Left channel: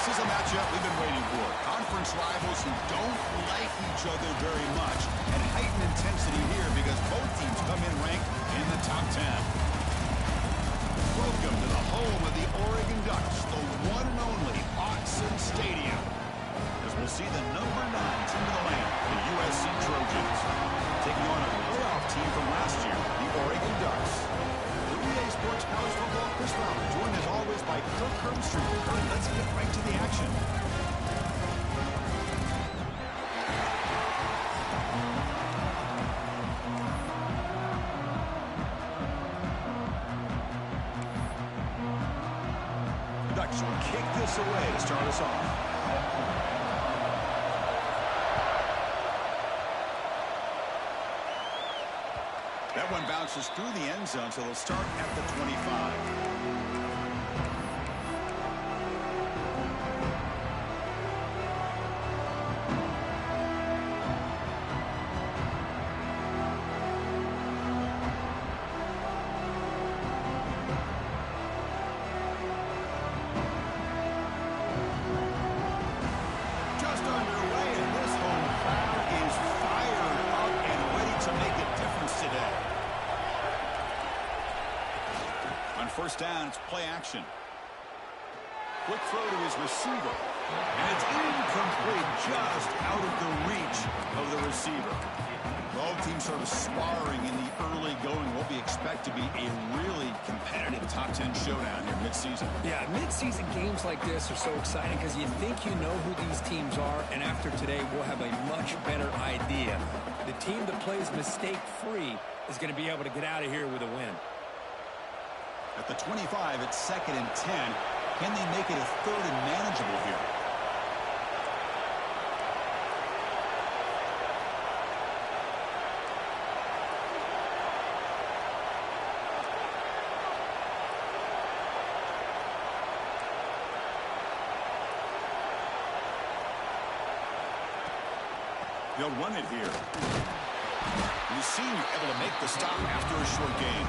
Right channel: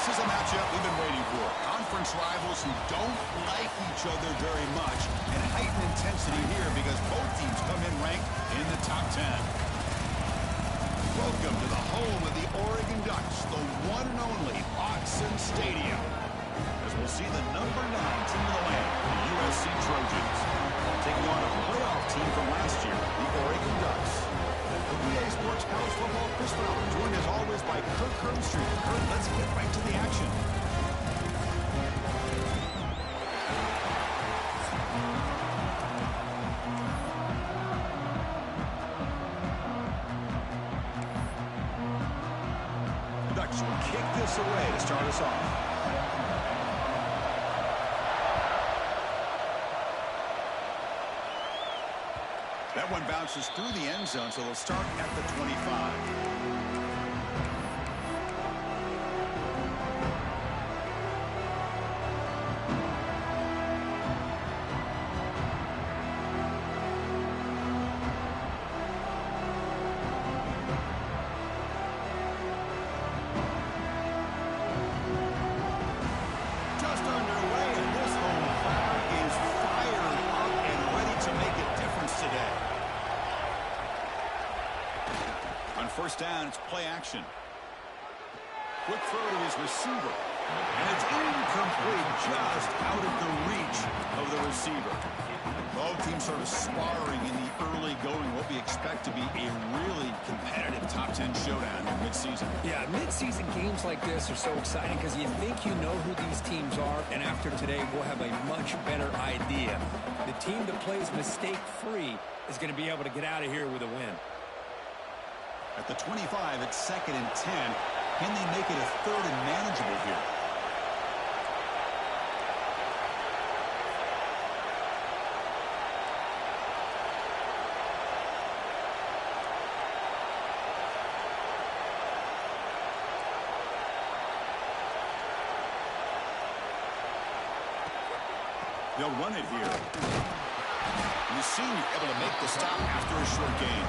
This is a matchup we've been waiting for. Conference rivals who don't like each other very much, and heightened intensity here because both teams come in ranked in the top 10. Welcome to the home of the Oregon Ducks, the one and only Autzen Stadium, as we'll see the number 9 team in the land, the USC Trojans, taking on a playoff team from last year, the Oregon Ducks. For EA Sports College Football, Chris Fowler, joined as always by Kirk Herbstreit. Kirk, let's get right to the action. The Ducks will kick this away to start us off. That one bounces through the end zone, so they'll start at the 25. Just underway, and this home crowd is fired up and ready to make a difference today. On first down, it's play action. Quick throw to his receiver. And it's incomplete, just out of the reach of the receiver. Both teams sort of sparring in the early going, what we expect to be a really competitive top 10 showdown here midseason. Yeah, midseason games like this are so exciting because you think you know who these teams are, and after today, we'll have a much better idea. The team that plays mistake-free is going to be able to get out of here with a win. At the 25, it's 2nd and 10. Can they make it a 3rd and manageable here? They'll run it here. The senior able to make the stop after a short gain.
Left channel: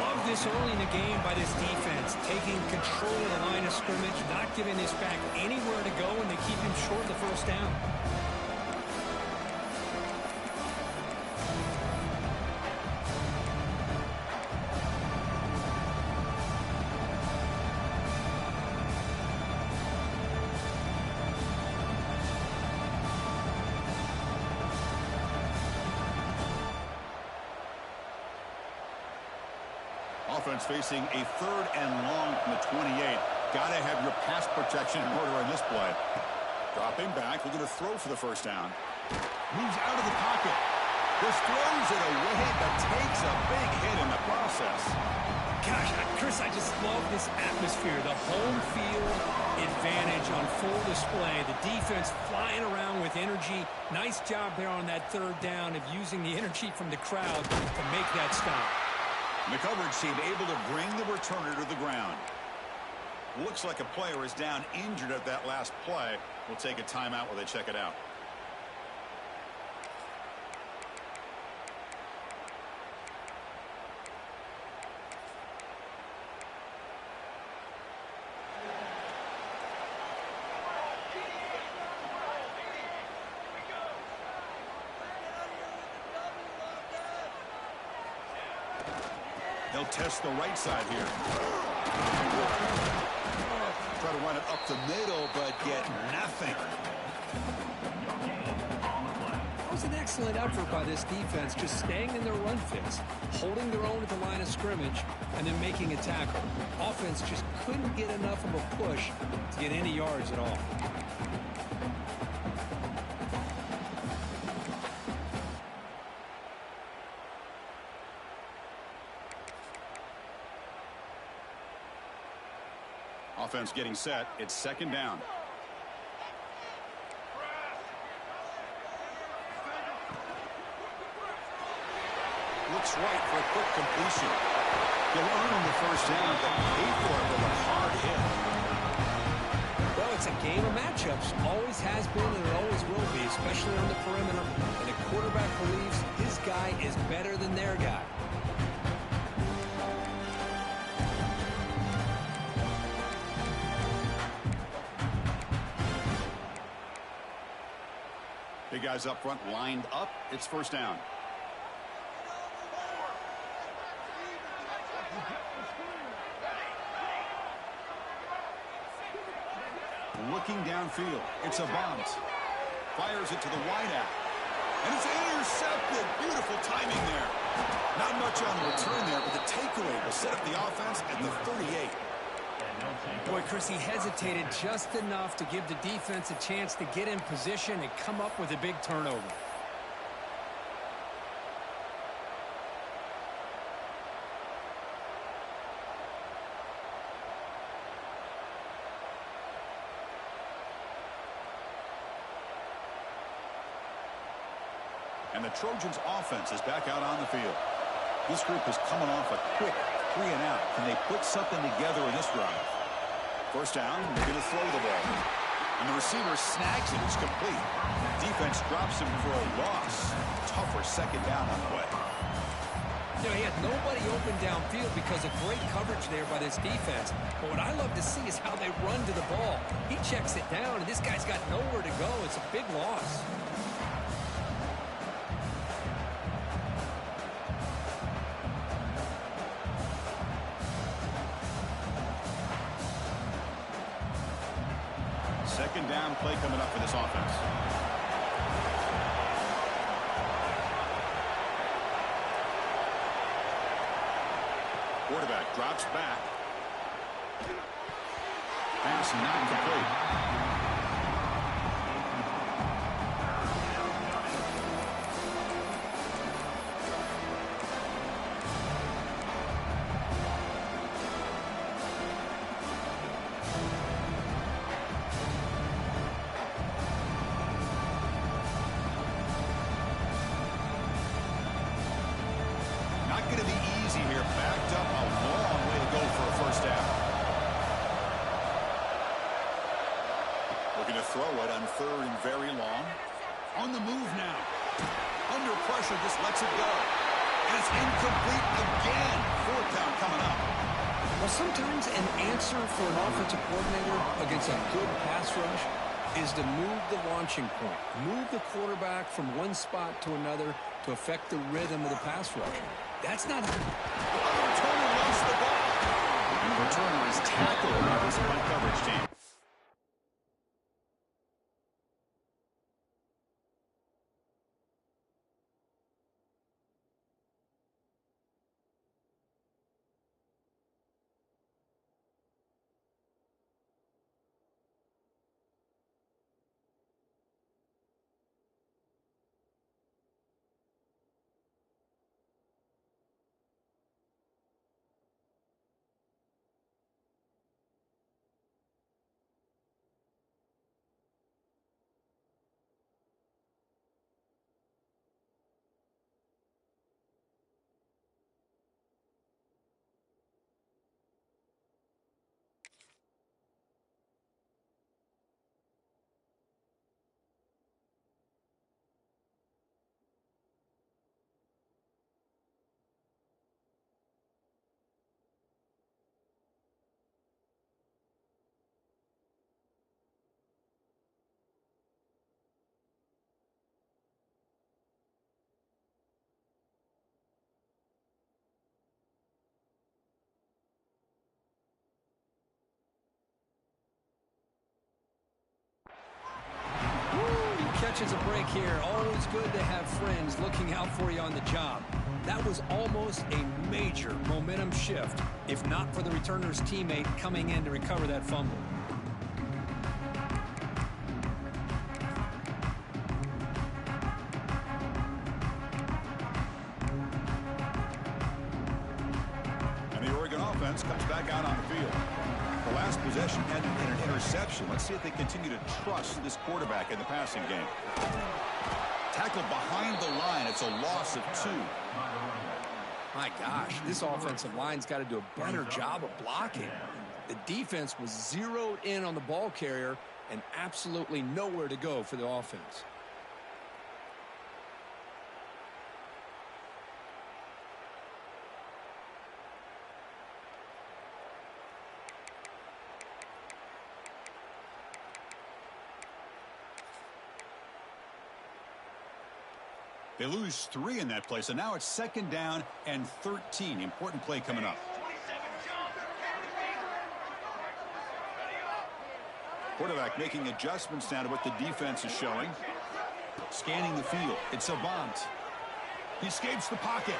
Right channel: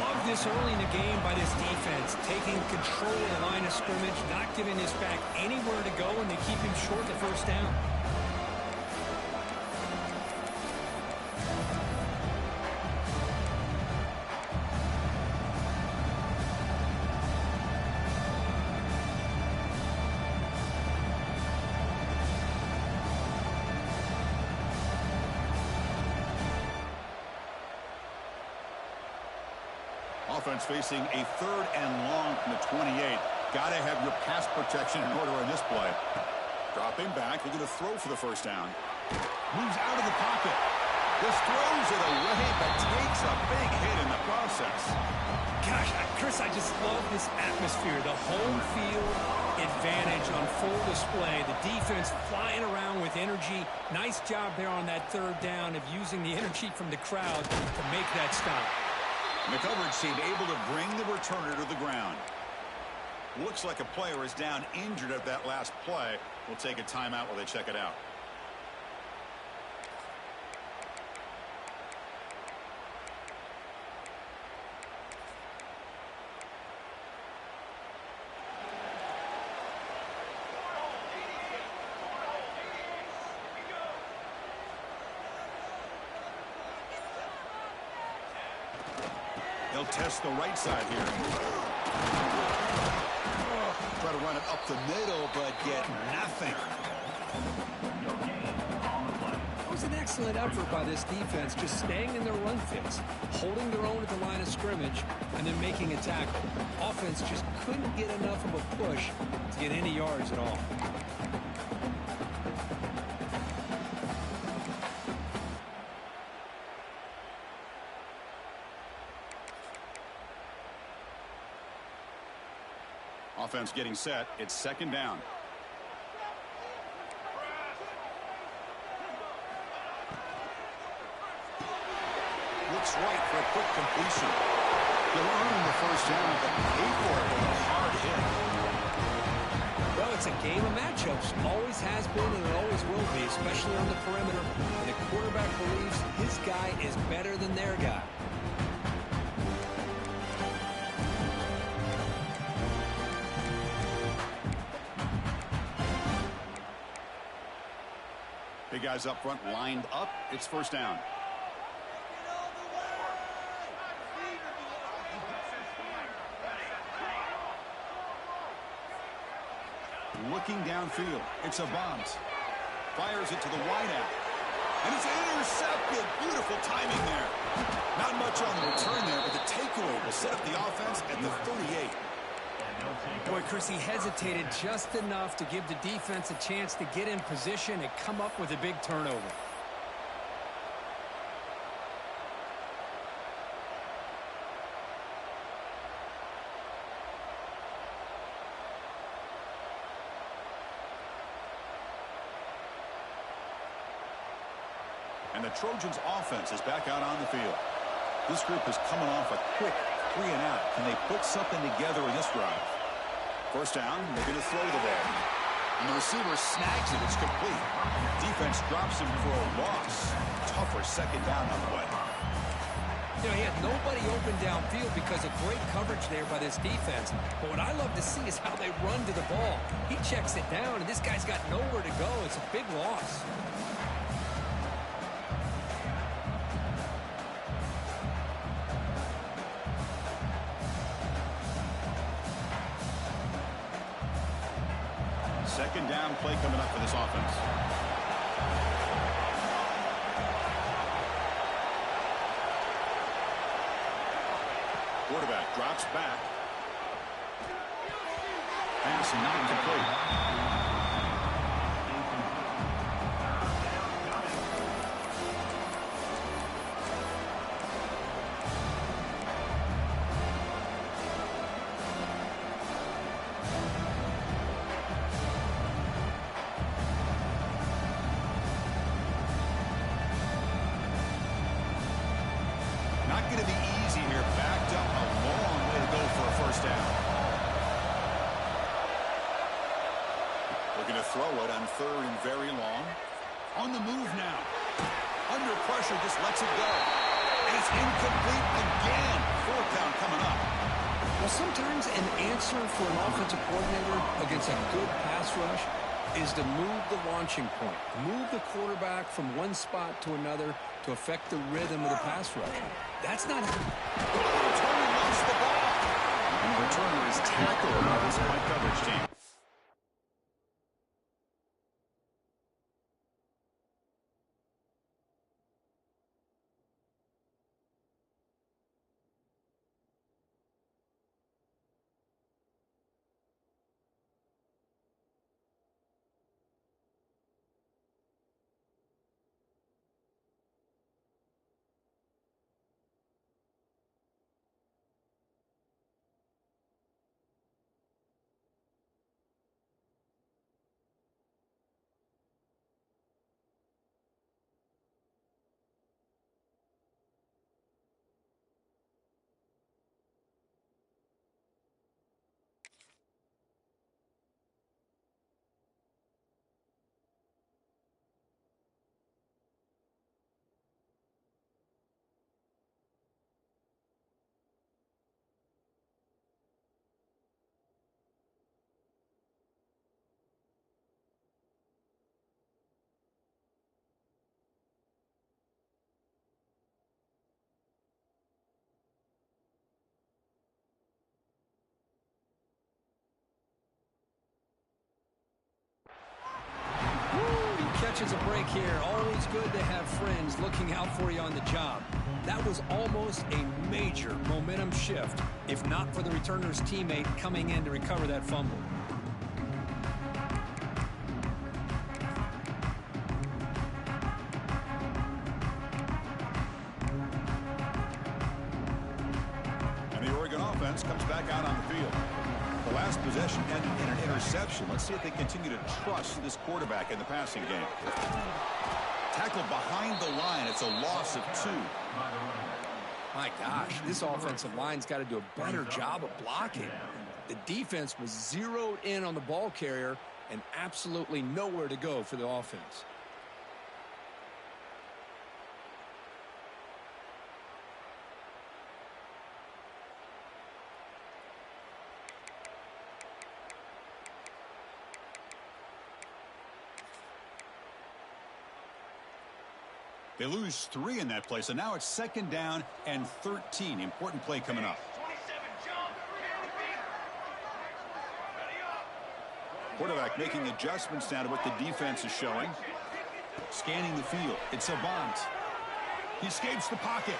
Love this early in the game by this defense, taking control of the line of scrimmage, not giving this back anywhere to go, and they keep him short of the first down. Offense facing a 3rd and long from the 28. Got to have your pass protection in order in this play. Dropping back, looking to throw for the first down. Moves out of the pocket. Just throws it away, but takes a big hit in the process. Gosh, Chris, I just love this atmosphere. The home field advantage on full display. The defense flying around with energy. Nice job there on that 3rd down of using the energy from the crowd to make that stop. And the coverage team able to bring the returner to the ground. Looks like a player is down injured at that last play. We'll take a timeout while they check it out. They'll test the right side here. Try to run it up the middle, but get nothing. That was an excellent effort by this defense, just staying in their run fits, holding their own at the line of scrimmage, and then making a tackle. Offense just couldn't get enough of a push to get any yards at all. Offense getting set. It's 2nd down. Looks right for a quick completion. He'll earn the first down, but pay for it with a hard hit. Well, it's a game of matchups. Always has been and it always will be, especially on the perimeter. And the quarterback believes his guy is better than their guy. Hey, guys up front lined up. It's first down. Looking downfield. It's a bunt. Fires it to the wideout. And it's intercepted. Beautiful timing there. Not much on the return there, but the takeaway will set up the offense at the 38. Boy, Chris, he hesitated just enough to give the defense a chance to get in position and come up with a big turnover. And the Trojans' offense is back out on the field. This group is coming off a quick 3-and-out. Can they put something together in this drive? First down, they're going to throw the ball. And the receiver snags it. It's complete. Defense drops him for a loss. Tougher second down on the way. You know, he had nobody open downfield because of great coverage there by this defense. But what I love to see is how they run to the ball. He checks it down, and this guy's got nowhere to go. It's a big loss. Second down play coming up for this offense. Quarterback drops back. Pass not complete. Not going to be easy here. Backed up a long way to go for a first down. Looking to throw it on third and very long. On the move now. Under pressure, just lets it go. And it's incomplete again. Fourth down coming up. Well, sometimes an answer for an offensive coordinator against a good pass rush is to move the launching point. Move the quarterback from one spot to another to affect the rhythm of the pass rush. That's not... The returner lost the ball. And the returner is tackled by this punt coverage team. Catches a break here. Always good to have friends looking out for you on the job. That was almost a major momentum shift, if not for the returner's teammate coming in to recover that fumble. And the Oregon offense comes back out on the field. The last possession ended in an interception. Let's see if they continue to trust this quarterback in the passing game. Tackled behind the line. It's a loss of 2. My gosh, this offensive line's got to do a better job of blocking. The defense was zeroed in on the ball carrier and absolutely nowhere to go for the offense. They lose 3 in that play, so now it's 2nd down and 13. Important play coming up. Quarterback making adjustments now to what the defense is showing. Scanning the field. It's Avant. He escapes the pocket.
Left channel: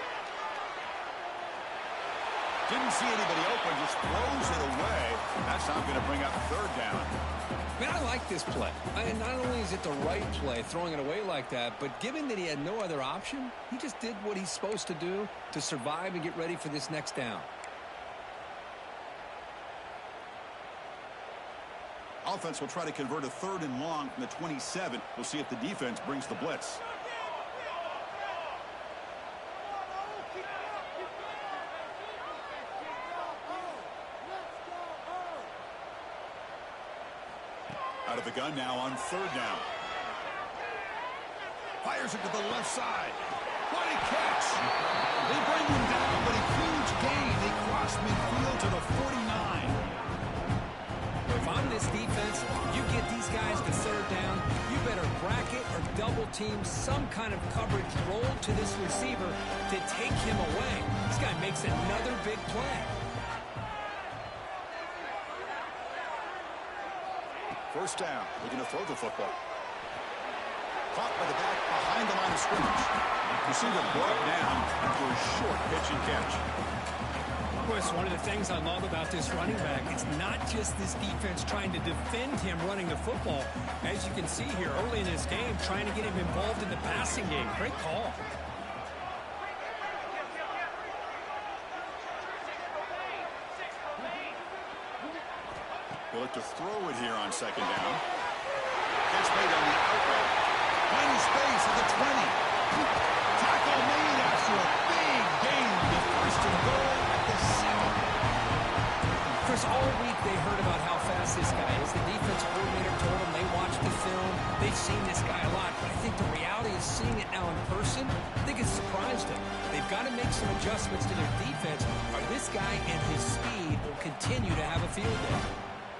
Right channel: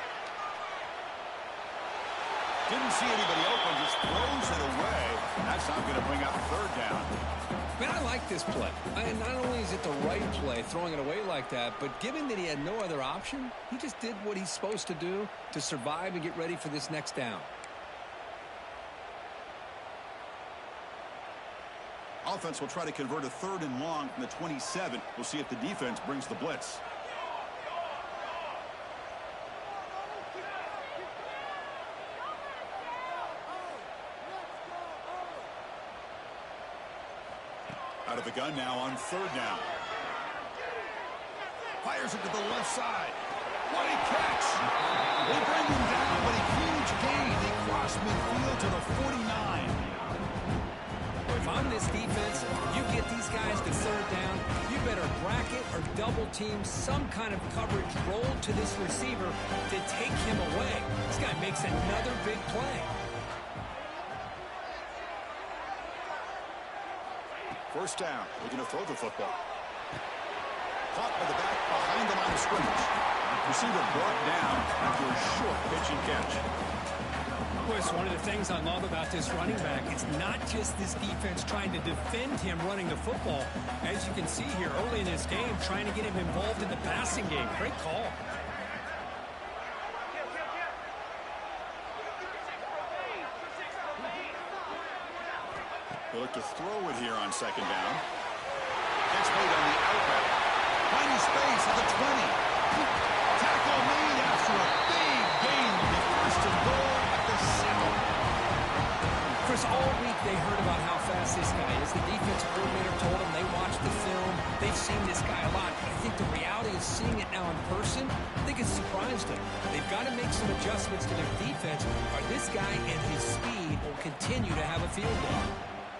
Didn't see anybody open, just throws it away. That's not going to bring up 3rd down. Man, I like this play. And not only is it the right play, throwing it away like that, but given that he had no other option, he just did what he's supposed to do to survive and get ready for this next down. Offense will try to convert a 3rd and long from the 27. We'll see if the defense brings the blitz. Out of the gun now on 3rd down. Fires it to the left side. What a catch! They bring him down, but a huge gain. They cross midfield to the 49. If I'm this defense, you get these guys to 3rd down, you better bracket or double team some kind of coverage roll to this receiver to take him away. This guy makes another big play. 1st down, looking to throw the football. Caught by the back behind the line of scrimmage. Receiver brought down after a short pitch and catch. Chris, one of the things I love about this running back, it's not just this defense trying to defend him running the football. As you can see here early in this game, trying to get him involved in the passing game. Great call. They look to throw it here on 2nd down. Catch made on the out route. Finding space at the 20. Tackle made after a big gain. The 1st and goal at the 7. Chris, all week they heard about how fast this guy is. The defensive coordinator told them they watched the film. They've seen this guy a lot. But I think the reality is seeing it now in person, I think it's surprised them. They've got to make some adjustments to their defense, or this guy and his speed will continue to have a field day.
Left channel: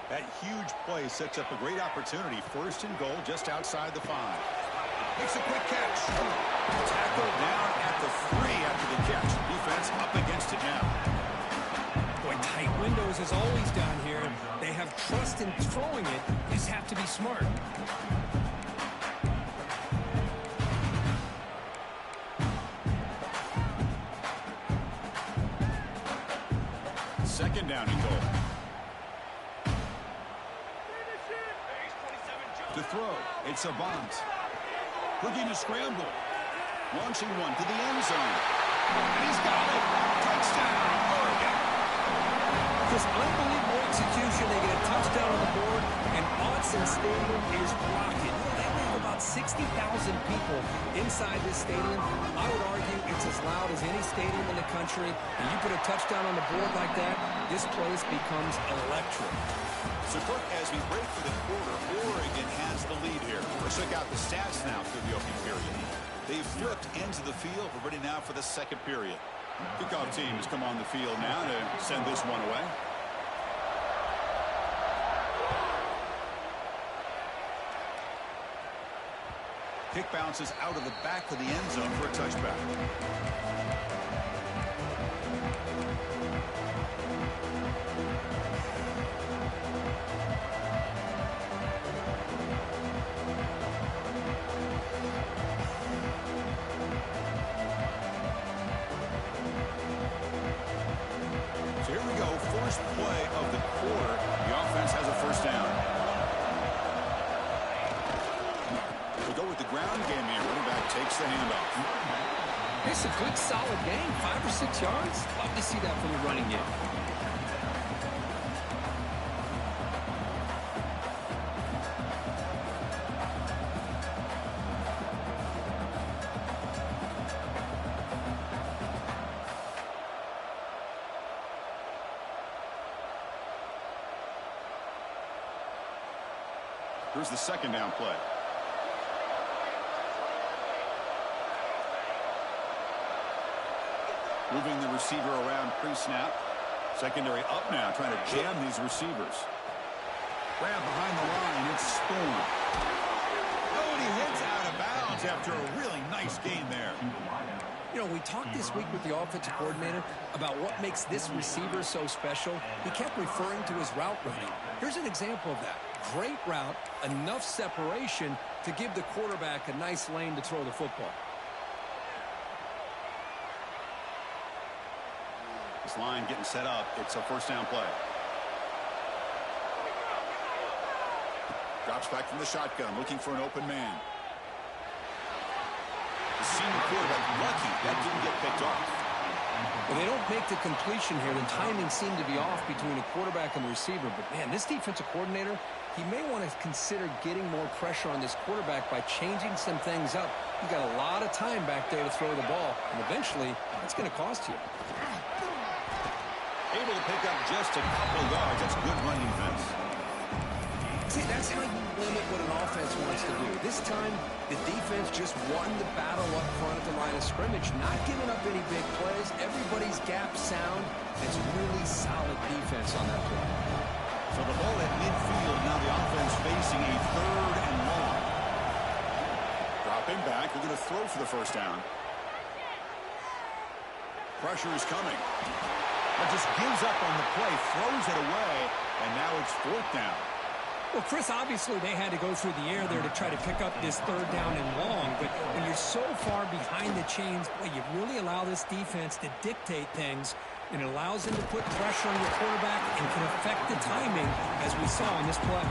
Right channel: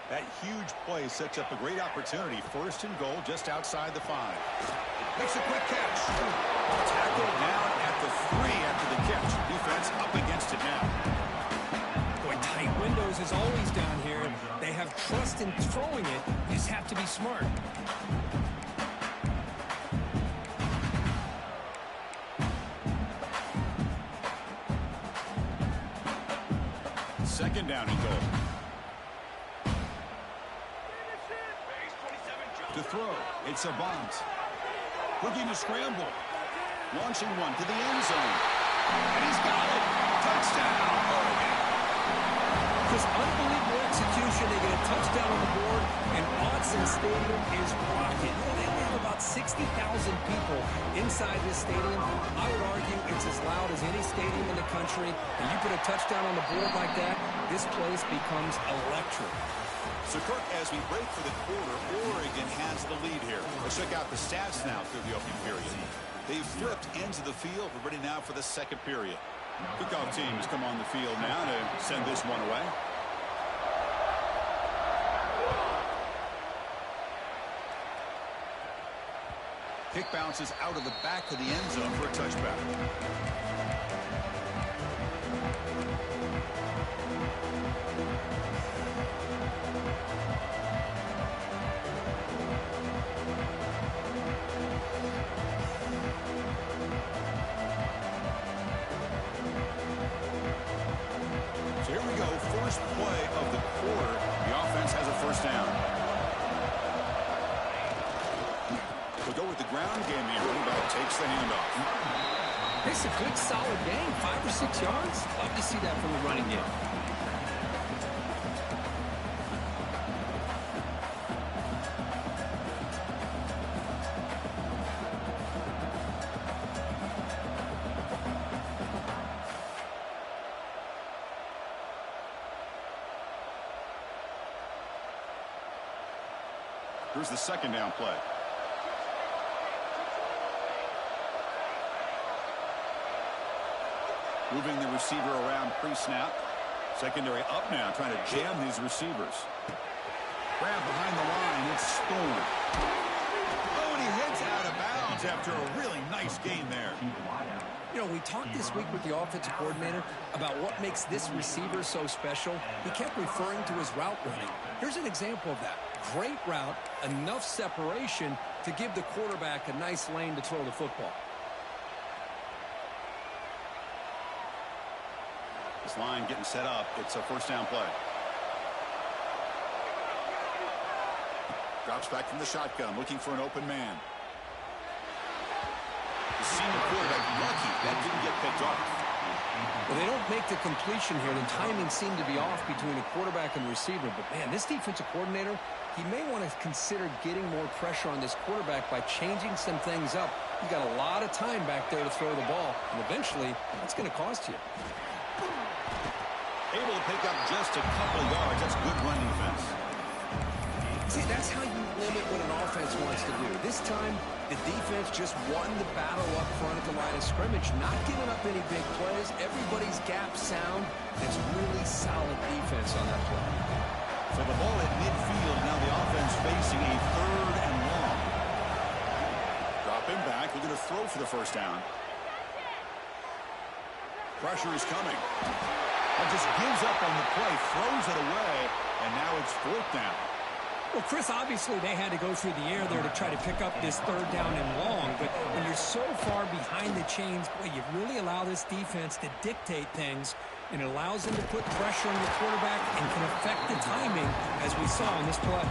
That huge play sets up a great opportunity. 1st and goal just outside the 5. Makes a quick catch. Tackled down at the 3 after the catch. Defense up against it now. Boy, tight windows as always down here. They have trust in throwing it. You just have to be smart. Second down and goal. To throw, it's Avant. Looking to scramble. Launching one to the end zone. And he's got it. Touchdown, Oregon. Just unbelievable execution. They get a touchdown on the board, and Autzen Stadium is rocking. You know, they only have about 60,000 people inside this stadium. I would argue it's as loud as any stadium in the country. And you put a touchdown on the board like that, this place becomes electric. So, Kirk, as we break for the quarter, Oregon has the lead here. Let's check out the stats now through the opening period. They've flipped into the field. We're ready now for the 2nd period. Kickoff team has come on the field now to send this one away. Kick bounces out of the back of the end zone for a touchback. So here we go, first play of the quarter. The offense has a 1st down. We'll go with the ground game here. Running back takes the handoff. It's a good, solid game. 5 or 6 yards. Love to see that from the running game. Here's the 2nd down play. Moving the receiver around pre-snap. Secondary up now, trying to jam these receivers. Grab behind the line, it's Storm. Oh, and he hits out of bounds after a really nice gain there. You know, we talked this week with the offensive coordinator about what makes this receiver so special. He kept referring to his route running. Here's an example of that. Great route, enough separation to give the quarterback a nice lane to throw the football. This line getting set up. It's a first down play. Drops back from the shotgun, looking for an open man. The senior quarterback lucky that didn't get picked off. Well, they don't make the completion here. The timing seemed to be off between a quarterback and the receiver. But, man, this defensive coordinator, he may want to consider getting more pressure on this quarterback by changing some things up. You got a lot of time back there to throw the ball, and eventually that's going to cost you. Able to pick up just a couple of yards. That's good run defense. See, that's how you limit what an offense wants to do. This time, the defense just won the battle up front at the line of scrimmage, not giving up any big plays. Everybody's gap sound. It's really solid defense on that play. So the ball at midfield. Now the offense facing a 3rd and long. Drop him back. Looking to throw for the first down. Pressure is coming. But just gives up on the play, throws it away, and now it's 4th down. Well, Chris, obviously they had to go through the air there to try to pick up this 3rd down and long. But when you're so far behind the chains, boy, you really allow this defense to dictate things. And it allows them to put pressure on your quarterback and can affect the timing, as we saw on this play.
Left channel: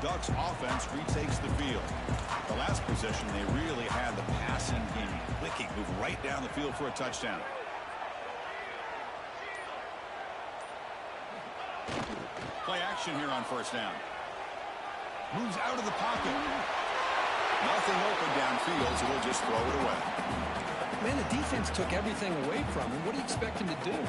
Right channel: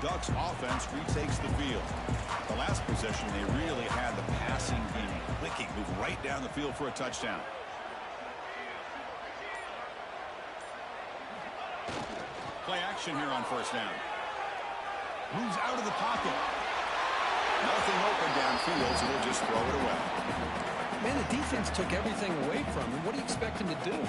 Ducks offense retakes the field. The last possession, they really had the passing game clicking, move right down the field for a touchdown. Play action here on first down. Moves out of the pocket. Nothing open downfield, so they'll just throw it away. Man, the defense took everything away from him. What do you expect him to do?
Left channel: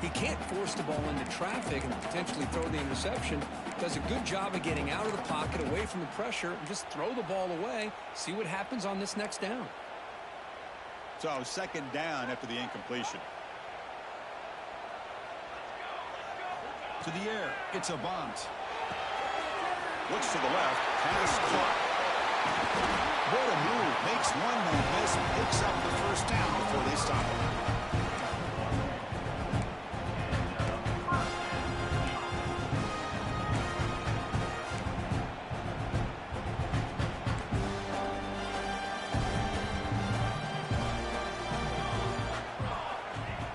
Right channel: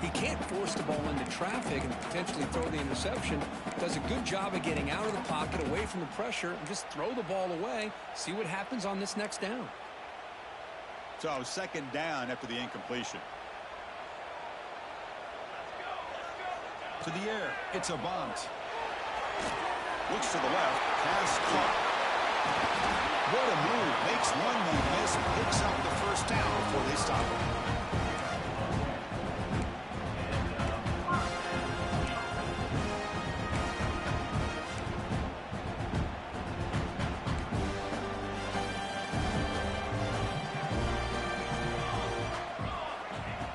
He can't force the ball into traffic and potentially throw the interception. Does a good job of getting out of the pocket, away from the pressure, and just throw the ball away. See what happens on this next down. So 2nd down after the incompletion. To the air. It's a bunt. Looks to the left. Pass caught. What a move. Makes one man miss. Picks up the first down before they stop him.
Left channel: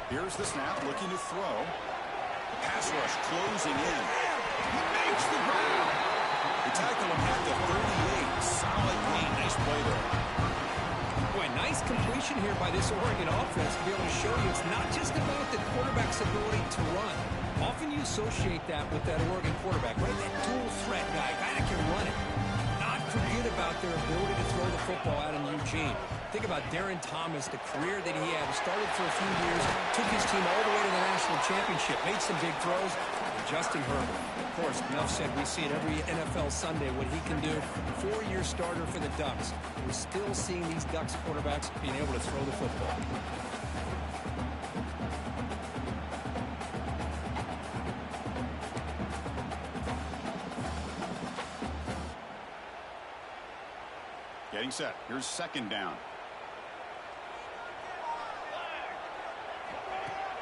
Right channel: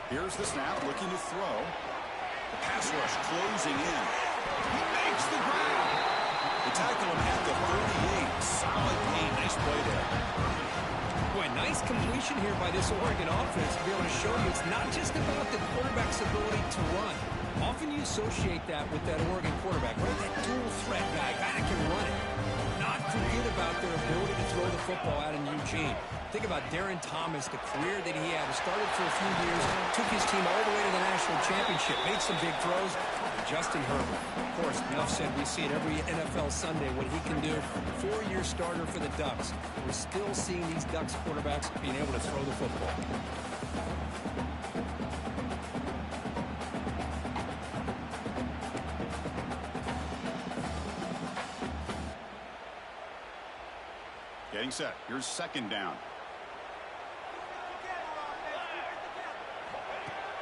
Here's the snap, looking to throw. The pass rush closing in. He makes the grab. They tackle him at the 38. Solid gain. Nice play there. Boy, nice completion here by this Oregon offense to be able to show you it's not just about the quarterback's ability to run. Often you associate that with that Oregon quarterback, right? That dual threat guy that can run it. Not forget about their ability to throw the football out in Eugene. Think about Darren Thomas, the career that he had. He started for a few years, took his team all the way to the national championship, made some big throws. And Justin Herbert, of course, enough said. We see it every NFL Sunday, what he can do. 4-year starter for the Ducks. We're still seeing these Ducks quarterbacks being able to throw the football. Getting set. Here's 2nd down.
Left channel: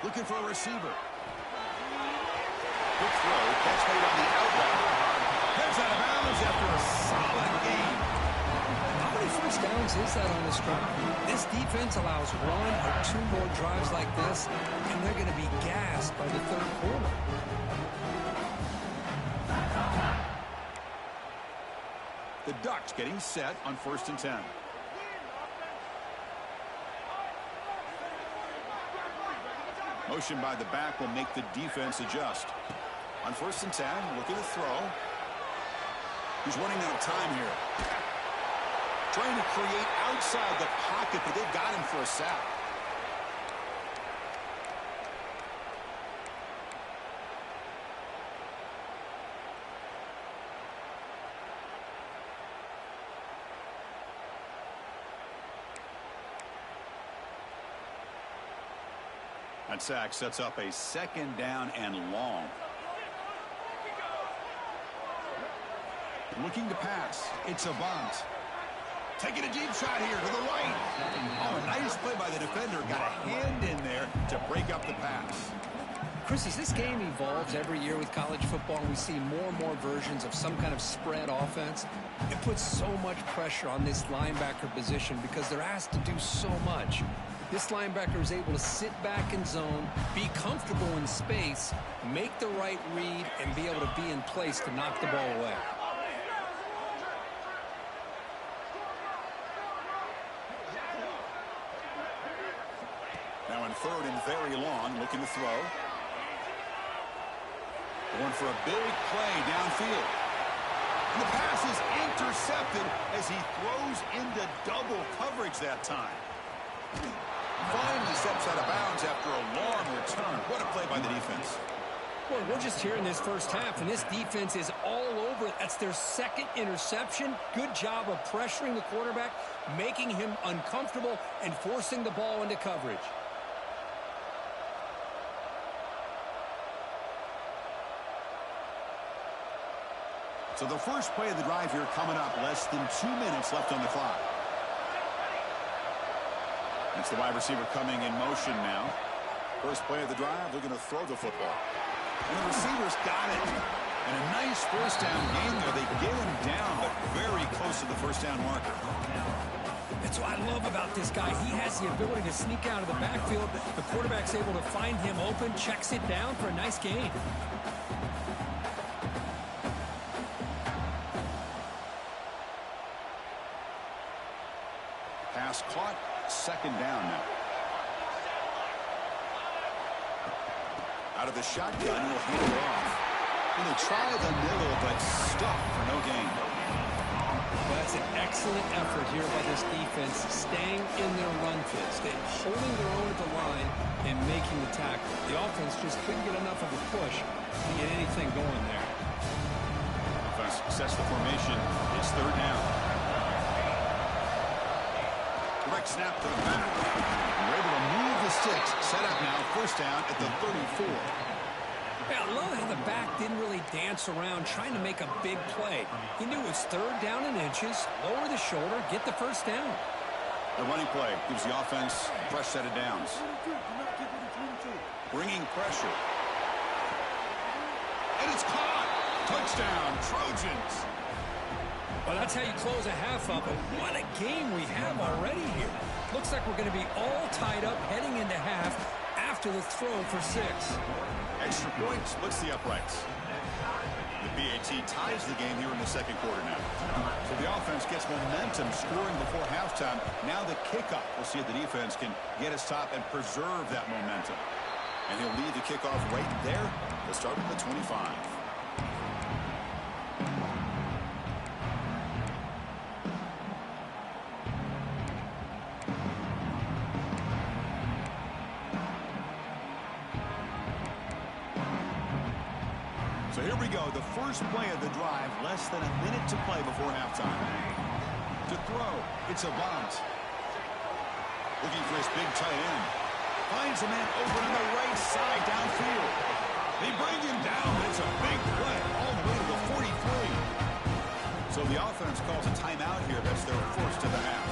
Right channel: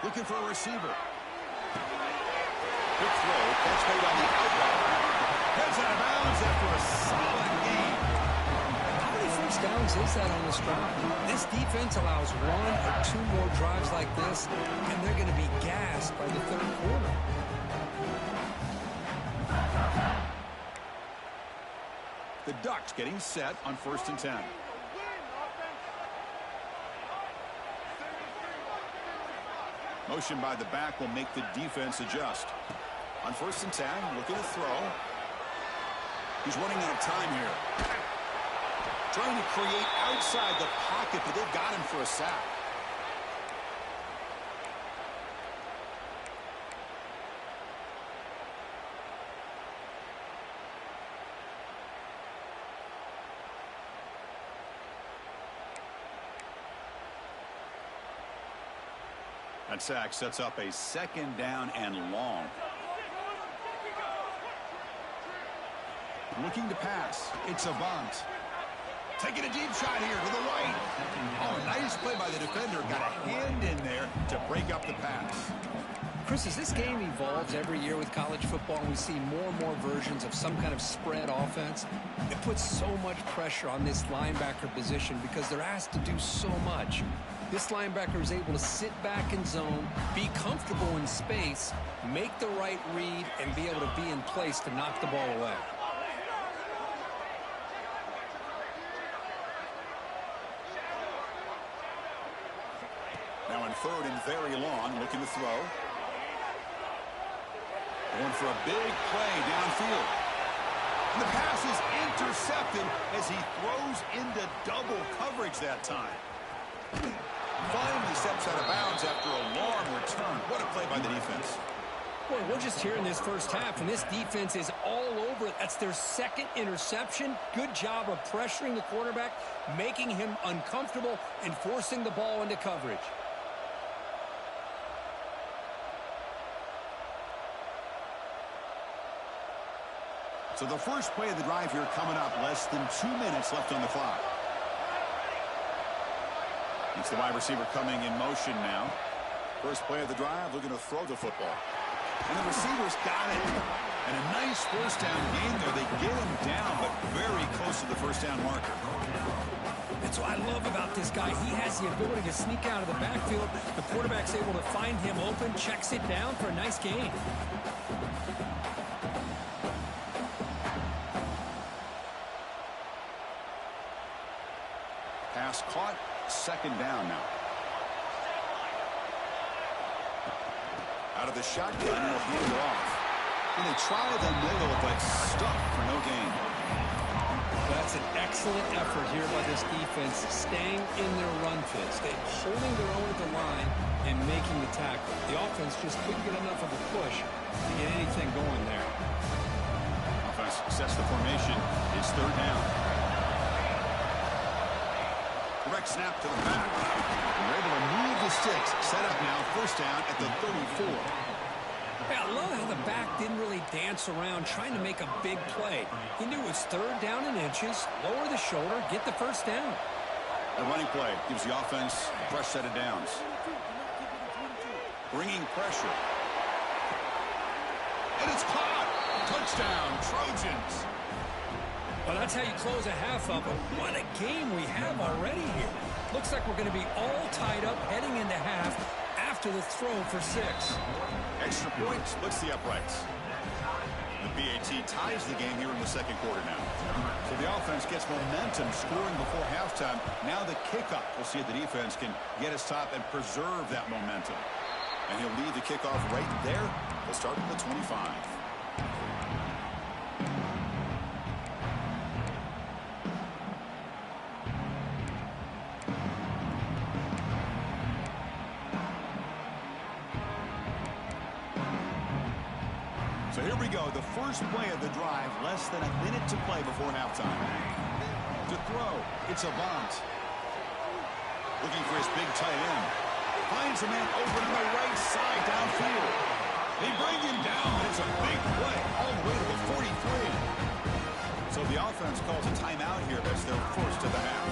Looking for a receiver. Quick throw. Catch made on the outroute. Heads out of bounds after a solid gain. How many first downs is that on this drive? This defense allows 1 or 2 more drives like this, and they're going to be gassed by the 3rd quarter. The Ducks getting set on 1st and 10. Motion by the back will make the defense adjust. On 1st and 10, looking to throw. He's running out of time here. Trying to create outside the pocket, but they've got him for a sack. That sack sets up a 2nd down and long. Looking to pass. It's a bunt. Taking a deep shot here to the right. Oh, a nice play by the defender. Got a hand in there to break up the pass. Chris, as this game evolves every year with college football, and we see more and more versions of some kind of spread offense, it puts so much pressure on this linebacker position because they're asked to do so much. This linebacker is able to sit back in zone, be comfortable in space, make the right read, and be able to be in place to knock the ball away. Now in 3rd and very long, looking to throw. Going for a big play downfield. And the pass is intercepted as he throws into double coverage that time. Finally steps out of bounds after a long return. What a play by the defense. Well, we're just here in this first half, and this defense is all over it. That's their 2nd interception. Good job of pressuring the quarterback, making him uncomfortable, and forcing the ball into coverage. So the first play of the drive here coming up, less than 2 minutes left on the clock. It's the wide receiver coming in motion now. First play of the drive, looking to throw the football. And the receivers got it. And a nice first down gain there. They get him down, but very close to the first down marker. That's what I love about this guy. He has the ability to sneak out of the backfield. The quarterback's able to find him open, checks it down for a nice gain. Pass caught, 2nd down now. Out of the shotgun, he'll hand it off. And they try the middle, but stuck for no gain. That's an excellent effort here by this defense, staying in their run fits, holding their own at the line and making the tackle. The offense just couldn't get enough of a push to get anything going there. Offense sets the formation. It's 3rd down. Direct snap to the back. We're able to move the sticks. Set up now, 1st down at the 34. Yeah, I love how the back didn't really dance around trying to make a big play. He knew it was 3rd down and inches, lower the shoulder, get the 1st down. A running play gives the offense a fresh set of downs. Bringing pressure. And it's caught. Touchdown, Trojans. Well, that's how you close a half up, but what a game we have already here. Looks like we're going to be all tied up heading into half after the throw for 6. Extra point splits the uprights. The BAT ties the game here in the 2nd quarter now. So the offense gets momentum scoring before halftime. Now the kickoff. We'll see if the defense can get his top and preserve that momentum. And he'll lead the kickoff right there to start at the 25. So here we go, the first play of the drive, less than a minute to play before halftime. To throw, it's a bunt. Looking for his big tight end. Finds a man open on the right side downfield. They bring him down, but it's a big play all the way to the 43. So the offense calls a timeout here. That's their first of the half.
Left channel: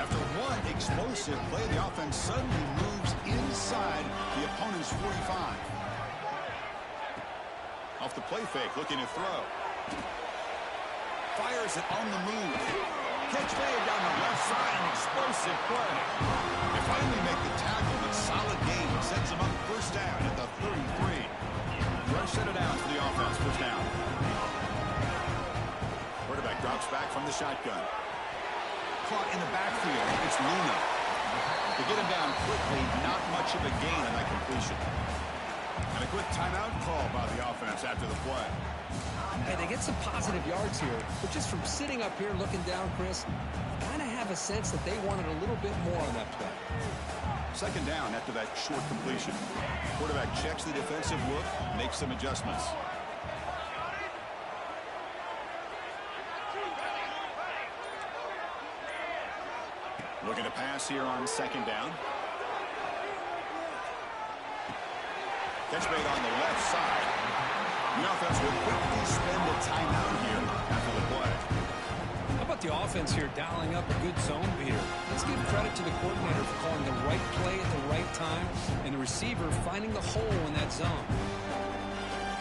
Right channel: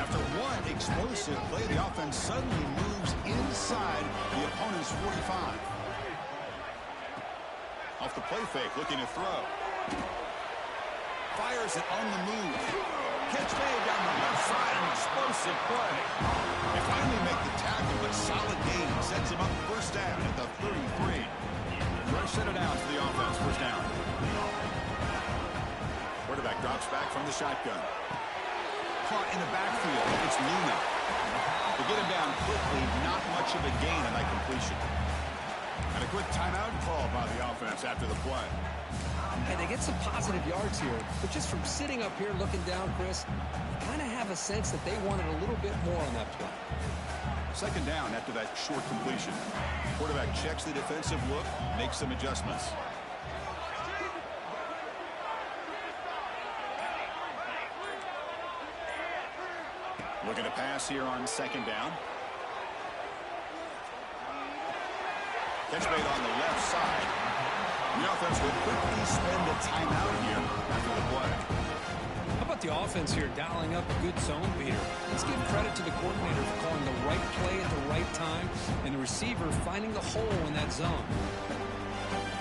After one explosive play, the offense suddenly moves inside the opponent's 45. Off the play fake, looking to throw. Fires it on the move. Catch made down the left side, an explosive play. They finally make the tackle, but solid gain sets them up 1st down at the 33. Fresh set of downs for the offense, 1st down. Quarterback drops back from the shotgun. Caught in the backfield. It's Luna. To get him down quickly, not much of a gain on that completion. And a quick timeout call by the offense after the play. Hey, they get some positive yards here, but just from sitting up here looking down, Chris, you kind of have a sense that they wanted a little bit more on that play. 2nd down after that short completion. Quarterback checks the defensive look, makes some adjustments. Looking to pass here on 2nd down. Catch made on the left side. The offense will quickly spend a timeout here after the play. How about the offense here dialing up a good zone beater? Let's give credit to the coordinator for calling the right play at the right time and the receiver finding the hole in that zone.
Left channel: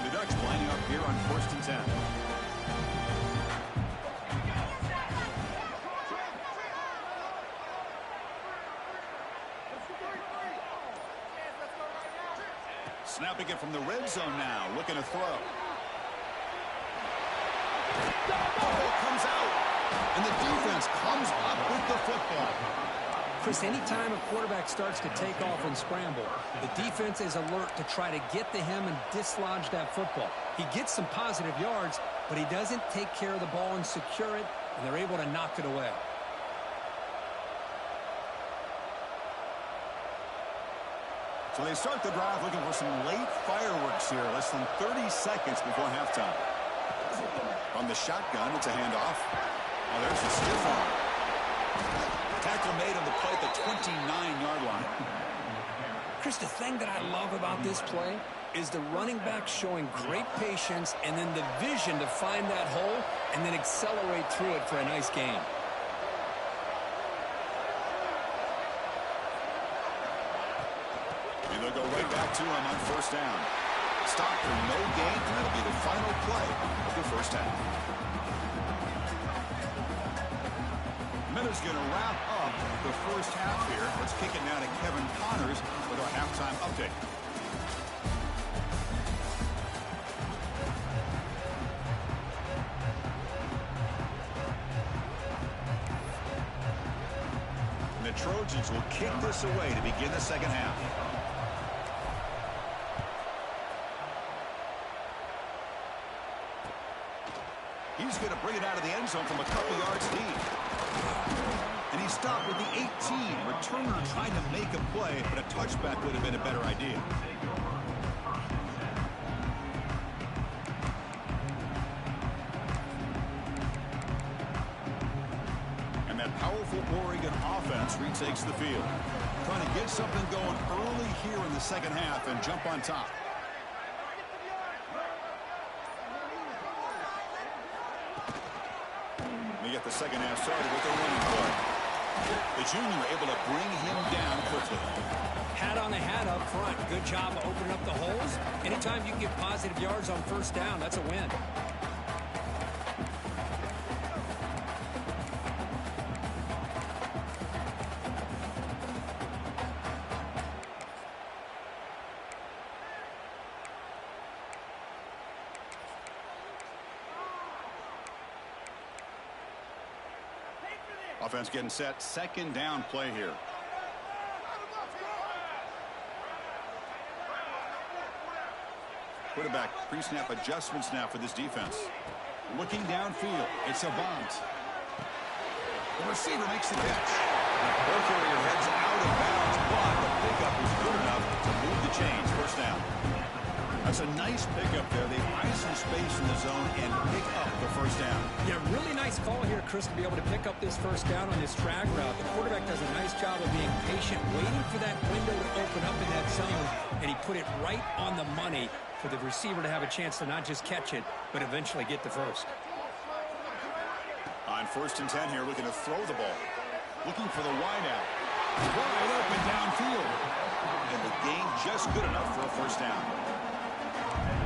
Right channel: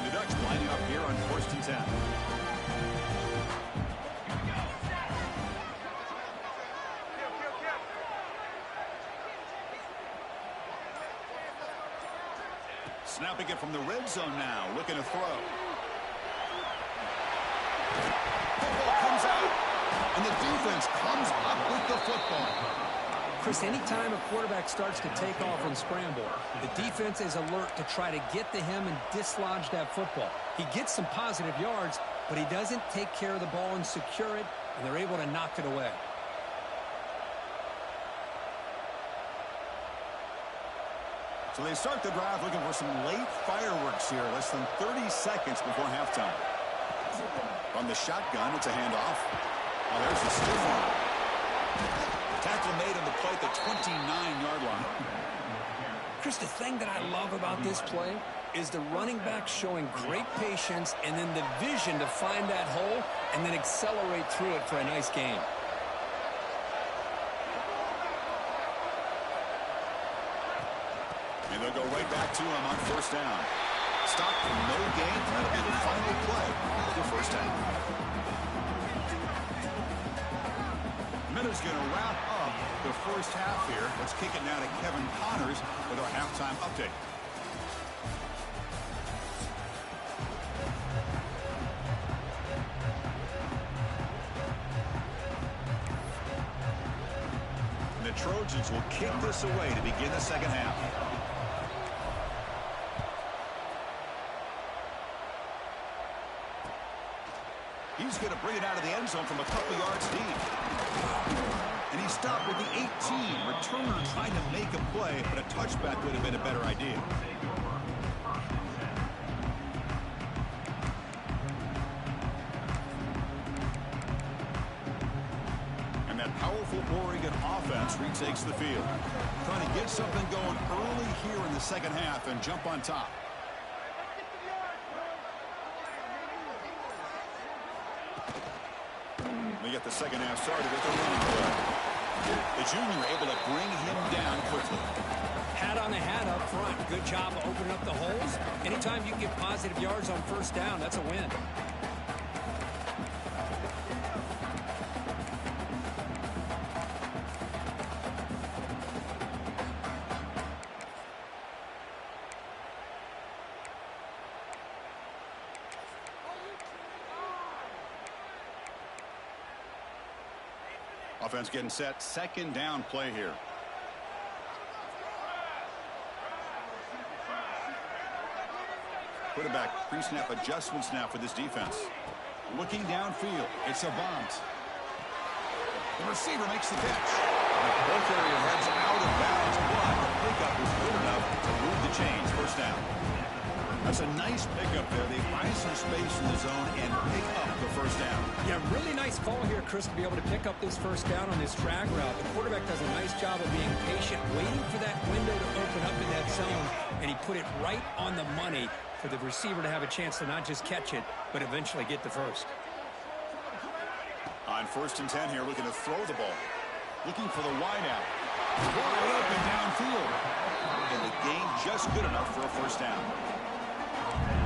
The Ducks lining up here on 1st and 10. Snapping it from the red zone now, looking to throw. Football comes out, and the defense comes up with the football. Chris, anytime a quarterback starts to take off and scramble, the defense is alert to try to get to him and dislodge that football. He gets some positive yards, but he doesn't take care of the ball and secure it, and they're able to knock it away. So they start the drive looking for some late fireworks here, less than 30 seconds before halftime. From the shotgun, it's a handoff. Oh, there's the stiff arm. Tackle made on the play at the 29-yard line. Chris, the thing that I love about this play is the running back showing great patience and then the vision to find that hole and then accelerate through it for a nice gain. And they'll go right back to him on 1st down. Stop for no gain, and that'll be the final play of the first half. Miller's going to wrap up the first half here. Let's kick it now to Kevin Connors with our halftime update. And the Trojans will kick this away to begin the second half. He's going to bring it out of the end zone from a couple yards deep. And he stopped with the 18. Returner trying to make a play, but a touchback would have been a better idea. And that powerful Oregon offense retakes the field. Trying to get something going early here in the second half and jump on top. We get the second half started with a running play. The junior able to bring him down quickly. Hat on the hat up front. Good job of opening up the holes. Anytime you can get positive yards on 1st down, that's a win. Offense getting set. 2nd down play here. Quarterback pre-snap adjustments now for this defense. Looking downfield. It's a bunt. The receiver makes the catch. The ball carrier heads out of bounds, but the pickup is good enough to move the chains. 1st down. That's a nice pickup there. They find some space in the zone and pick up the 1st down. Yeah, really nice call here, Chris, to be able to pick up this 1st down on this drag route. The quarterback does a nice job of being patient, waiting for that window to open up in that zone, and he put it right on the money for the receiver to have a chance to not just catch it, but eventually get the first. On 1st and 10 here, looking to throw the ball. Looking for the wide out. Wide open downfield. And the gain just good enough for a 1st down.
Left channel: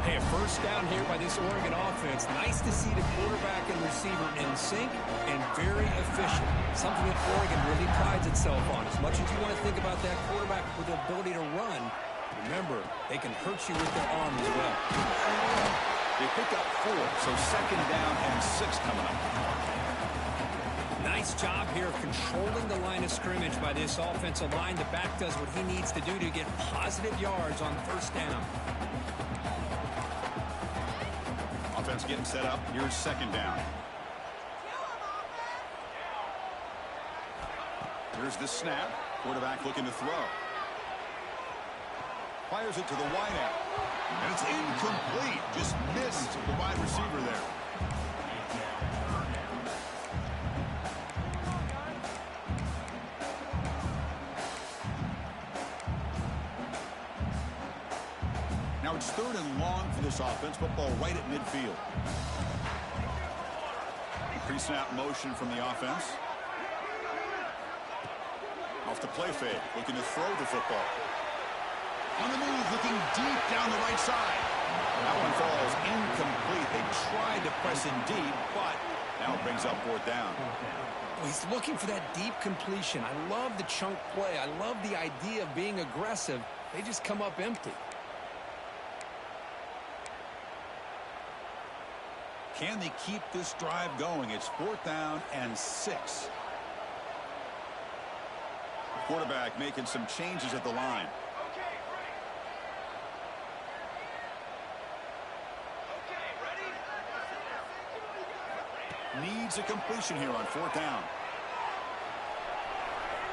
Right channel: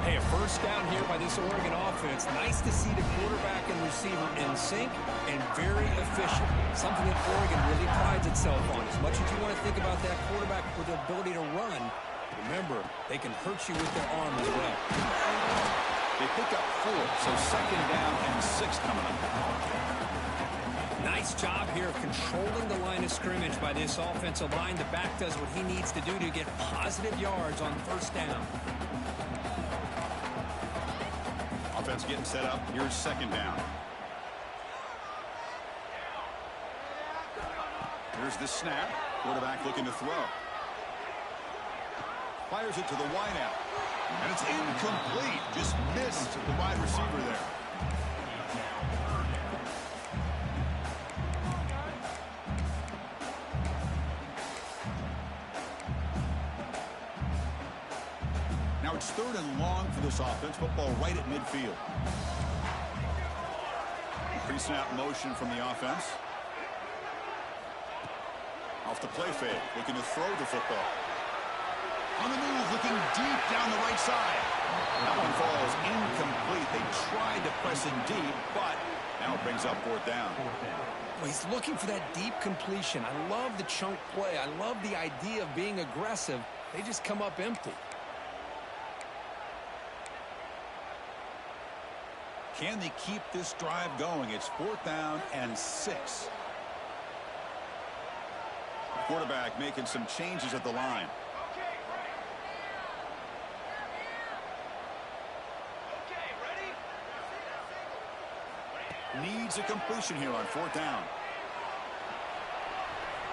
Hey, a 1st down here by this Oregon offense. Nice to see the quarterback and receiver in sync and very efficient. Something that Oregon really prides itself on. As much as you want to think about that quarterback with the ability to run, remember, they can hurt you with their arm as well. They pick up 4, so 2nd down and 6 coming up. Nice job here of controlling the line of scrimmage by this offensive line. The back does what he needs to do to get positive yards on 1st down. Offense getting set up. Here's 2nd down. Here's the snap. Quarterback looking to throw. Fires it to the wideout. And it's incomplete. Just missed the wide receiver there. It's 3rd and long for this offense. Football right at midfield. Pre-snap motion from the offense. Off the play fake, looking to throw the football. On the move, looking deep down the right side. That one falls incomplete. They tried to press in deep, but now it brings up 4th down. Well, he's looking for that deep completion. I love the chunk play. I love the idea of being aggressive. They just come up empty. Can they keep this drive going? It's 4th down and 6. Quarterback making some changes at the line. Needs a completion here on 4th down.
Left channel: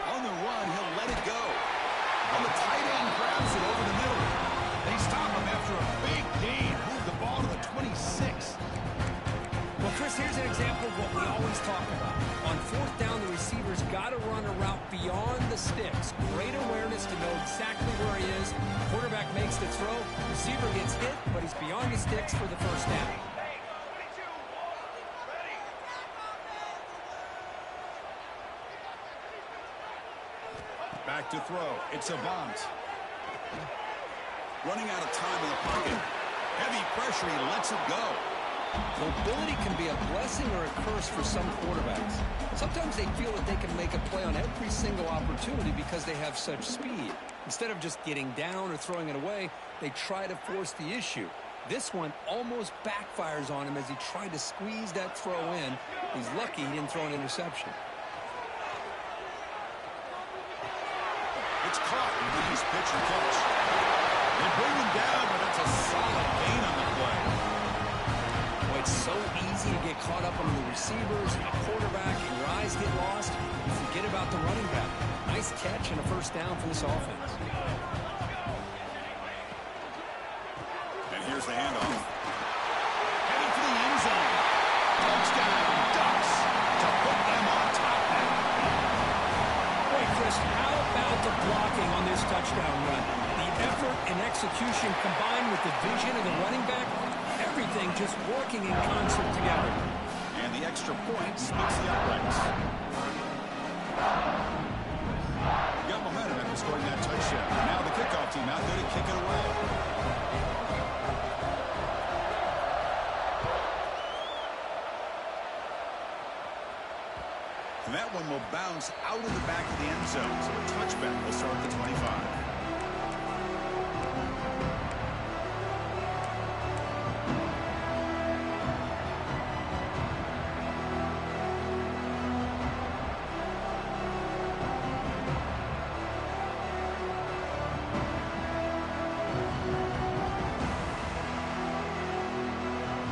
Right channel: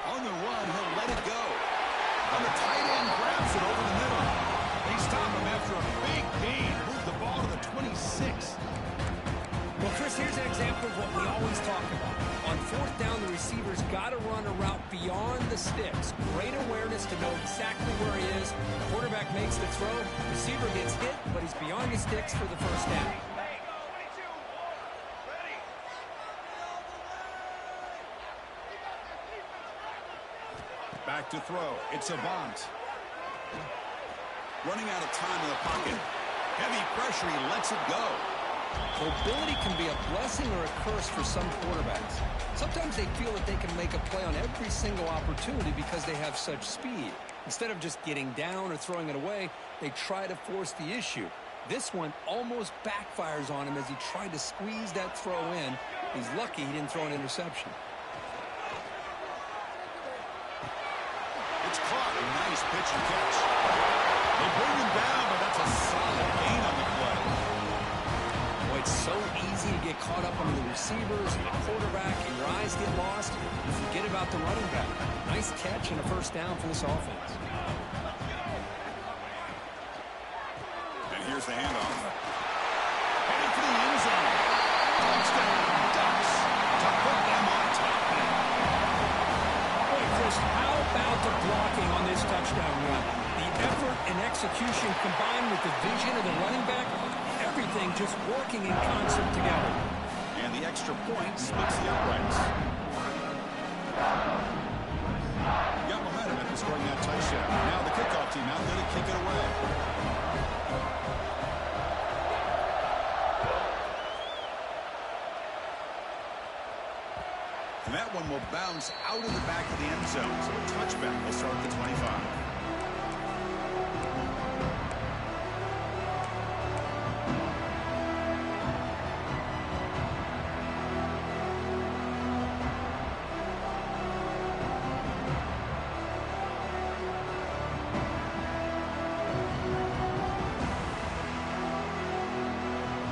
On the run, he'll let it go. On the tight end, grabs it over the middle. They stop him after a big gain. Move the ball to the 26. Well, Chris, here's an example of what we always talk about. On 4th down, the receiver's got to run a route beyond the sticks. Great awareness to know exactly where he is. Quarterback makes the throw. Receiver gets hit, but he's beyond the sticks for the 1st down. Back to throw. It's Avant. Running out of time in the pocket. Heavy pressure. He lets it go. Mobility can be a blessing or a curse for some quarterbacks. Sometimes they feel that they can make a play on every single opportunity because they have such speed. Instead of just getting down or throwing it away, they try to force the issue. This one almost backfires on him as he tried to squeeze that throw in. He's lucky he didn't throw an interception. It's caught. Nice pitch and catch. They bring him down, but that's a solid gain on the play. Boy, it's so easy to get caught up on the receivers and the quarterback, and your eyes get lost. You forget about the running back. Nice catch and a 1st down for this offense. And here's the handoff. Headed for the end zone. Touchdown, Ducks, to put them on top now. Boy, Chris, how about the blocking on this touchdown run? The effort and execution combined with the vision of the running back, everything just working in concert together. And the extra point splits the uprights. Got momentum after scoring that touchdown. Now the kickoff team out there to kick it away. And that one will bounce out of the back of the end zone. So a touchback will start at the 25.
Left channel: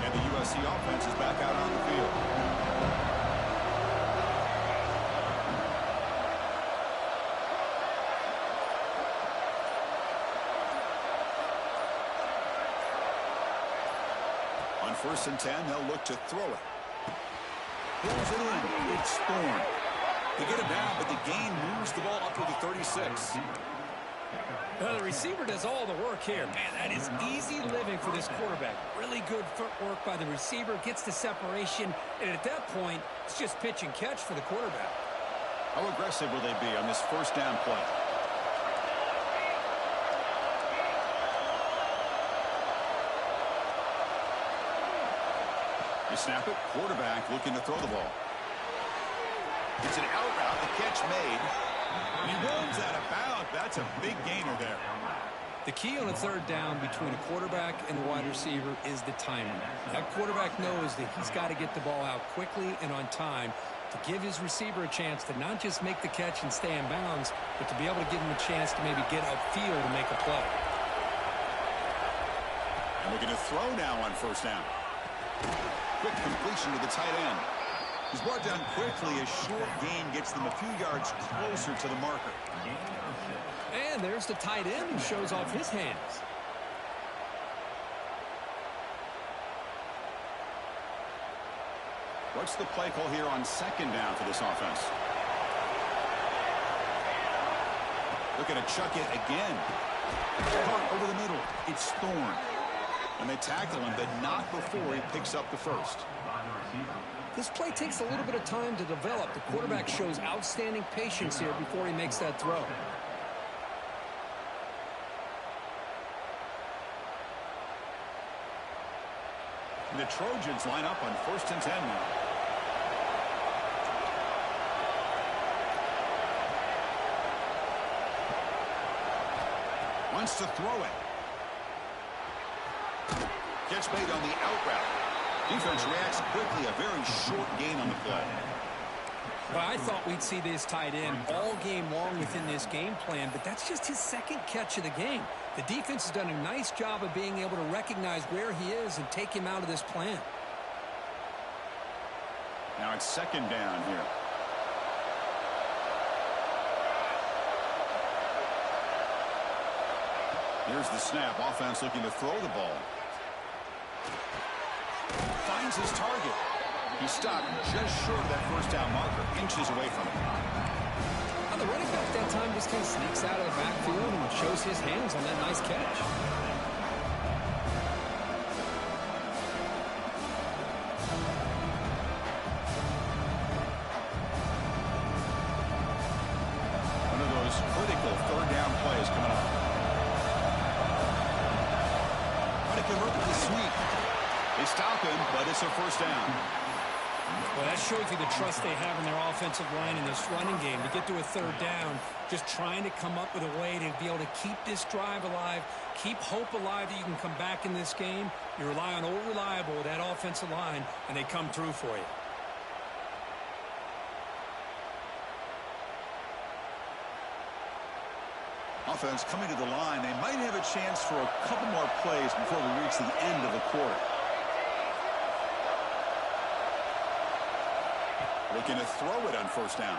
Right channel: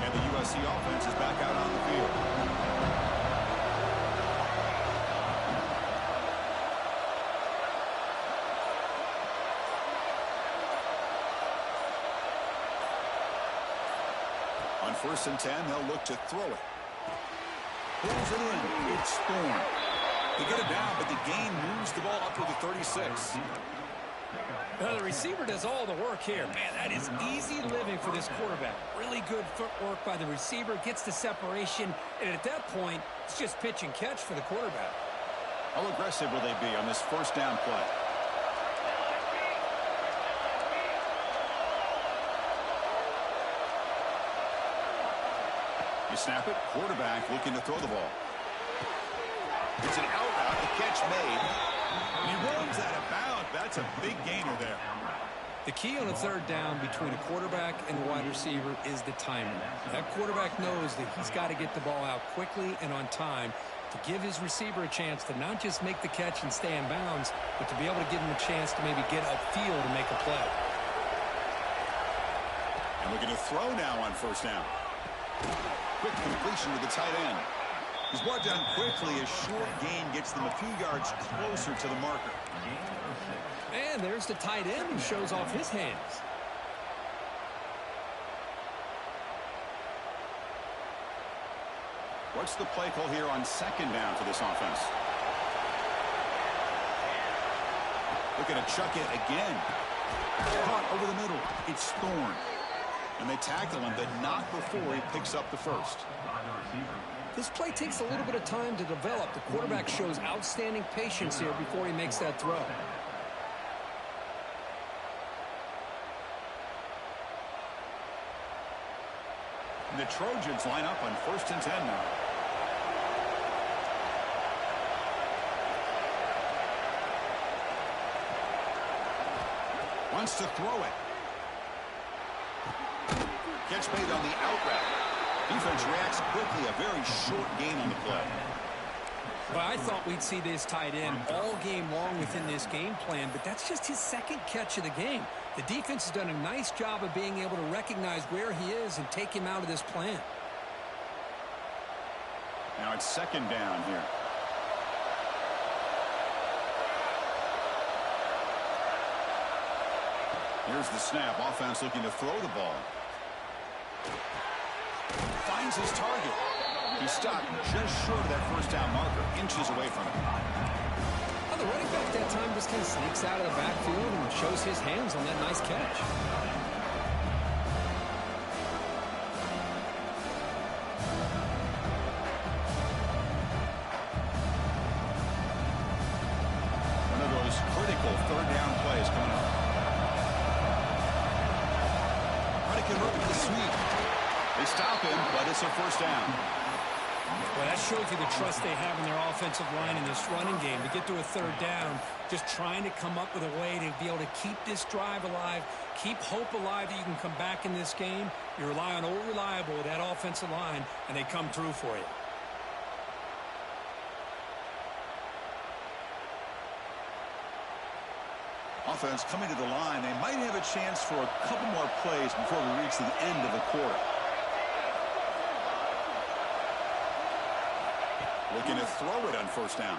And the USC offense is back out on the field. On 1st and 10, they'll look to throw it. Pulls it in. It's Thorne. They get it down, but the gain moves the ball up to the 36. The receiver does all the work here. Man, that is easy living for this quarterback. Really good footwork by the receiver. Gets the separation. And at that point, it's just pitch and catch for the quarterback. How aggressive will they be on this 1st down play? You snap it. Quarterback looking to throw the ball. It's an out route. The catch made. And he runs that about. That's a big gainer there. The key on a 3rd down between a quarterback and a wide receiver is the timing. That quarterback knows that he's got to get the ball out quickly and on time to give his receiver a chance to not just make the catch and stay in bounds, but to be able to give him a chance to maybe get upfield and make a play. And looking to throw now on 1st down. Quick completion to the tight end. He's brought down quickly. A short gain gets them a few yards closer to the marker. And there's the tight end who shows off his hands. What's the play call here on 2nd down for this offense? Looking to chuck it again. Caught over the middle. It's Thorne. And they tackle him, but not before he picks up the first. This play takes a little bit of time to develop. The quarterback shows outstanding patience here before he makes that throw. And the Trojans line up on 1st and 10 now. Wants to throw it. Catch made on the out route. Defense reacts quickly. A very short gain on the play. Well, I thought we'd see this tight end all game long within this game plan, but that's just his second catch of the game. The defense has done a nice job of being able to recognize where he is and take him out of this plan. Now it's 2nd down here. Here's the snap. Offense looking to throw the ball. Finds his target. He stopped just short of that 1st down marker, inches away from it. Well, the running back that time just kind of sneaks out of the backfield and shows his hands on that nice catch. One of those critical 3rd down plays coming up. Trying to convert with the sweep. They stop him, but it's a 1st down. Well, that shows you the trust they have in their offensive line in this running game. To get to a 3rd down, just trying to come up with a way to be able to keep this drive alive, keep hope alive that you can come back in this game. You rely on old reliable, that offensive line, and they come through for you. Offense coming to the line. They might have a chance for a couple more plays before we reach the end of the quarter. Looking to throw it on 1st down.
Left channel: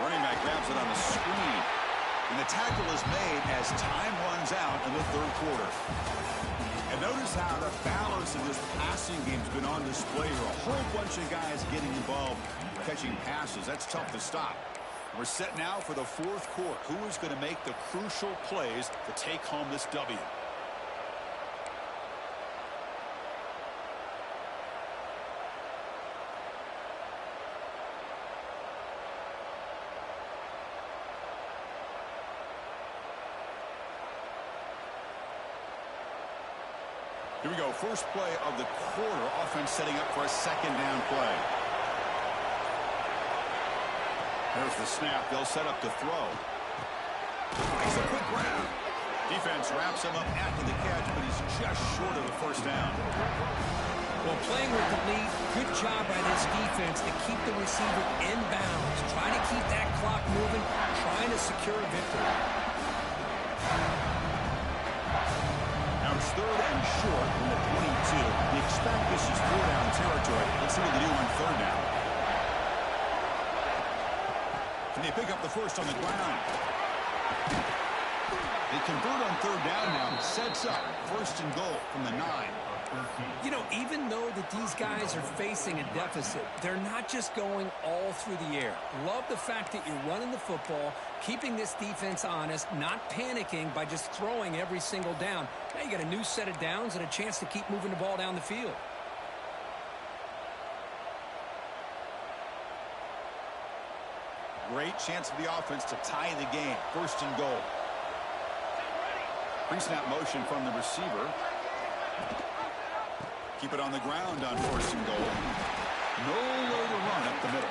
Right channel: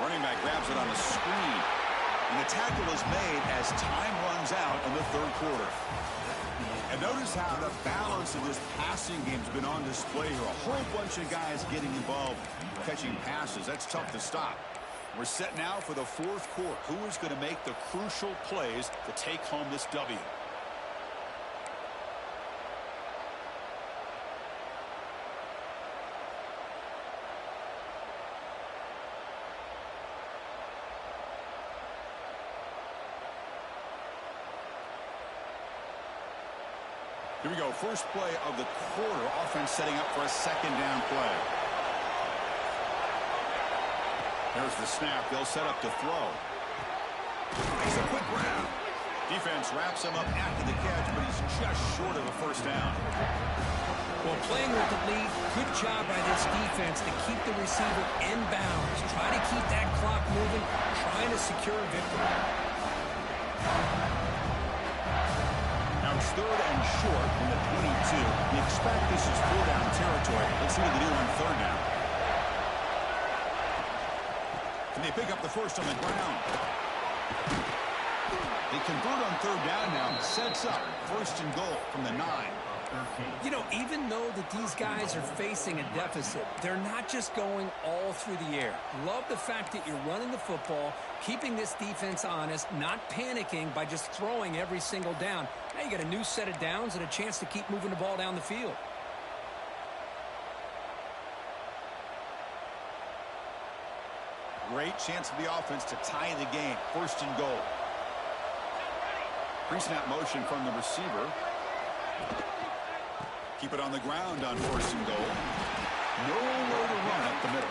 Running back grabs it on a screen. And the tackle is made as time runs out in the 3rd quarter. And notice how the balance of this passing game has been on display here. A whole bunch of guys getting involved catching passes. That's tough to stop. We're set now for the 4th quarter. Who is going to make the crucial plays to take home this W? Here we go. First play of the quarter. Offense setting up for a 2nd down play. There's the snap. They'll set up to throw. Makes a quick grab. Defense wraps him up after the catch, but he's just short of a 1st down. Well, playing with the lead, good job by this defense to keep the receiver in bounds. Try to keep that clock moving, trying to secure a victory. Now it's 3rd and short from the 22. You expect this is 4-down territory. Let's see what they do on 3rd down. Can they pick up the first on the ground? They convert on 3rd down now. Sets up 1st and goal from the 9. You know, even though that these guys are facing a deficit, they're not just going all through the air. Love the fact that you're running the football, keeping this defense honest, not panicking by just throwing every single down. Now you got a new set of downs and a chance to keep moving the ball down the field. Great chance for the offense to tie the game. 1st and goal. Pre-snap motion from the receiver. Keep it on the ground on 1st and goal. Nowhere to run up the middle.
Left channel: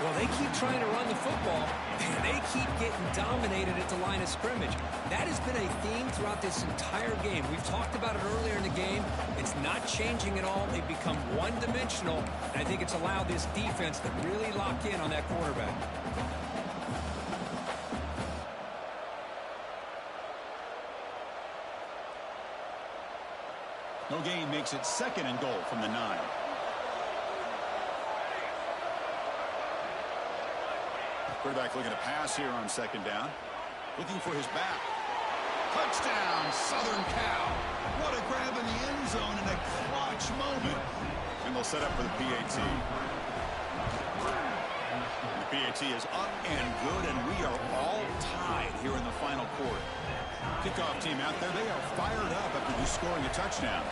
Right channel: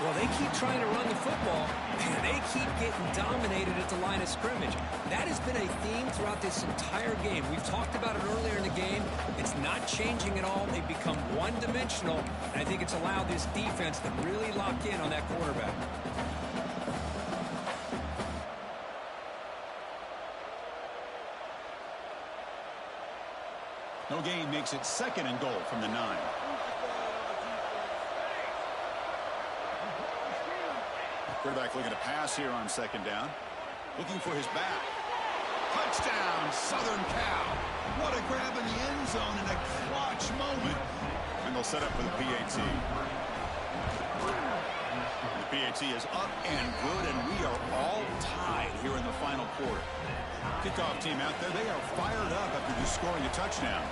Well, they keep trying to run the football, and they keep getting dominated at the line of scrimmage. That has been a theme throughout this entire game. We've talked about it earlier in the game. It's not changing at all. They've become one-dimensional, and I think it's allowed this defense to really lock in on that quarterback. No gain makes it 2nd and goal from the 9. Quarterback looking to pass here on 2nd down. Looking for his back. Touchdown, Southern Cal. What a grab in the end zone in a clutch moment. And they'll set up for the PAT. The PAT is up and good, and we are all tied here in the final quarter. Kickoff team out there, they are fired up after just scoring a touchdown.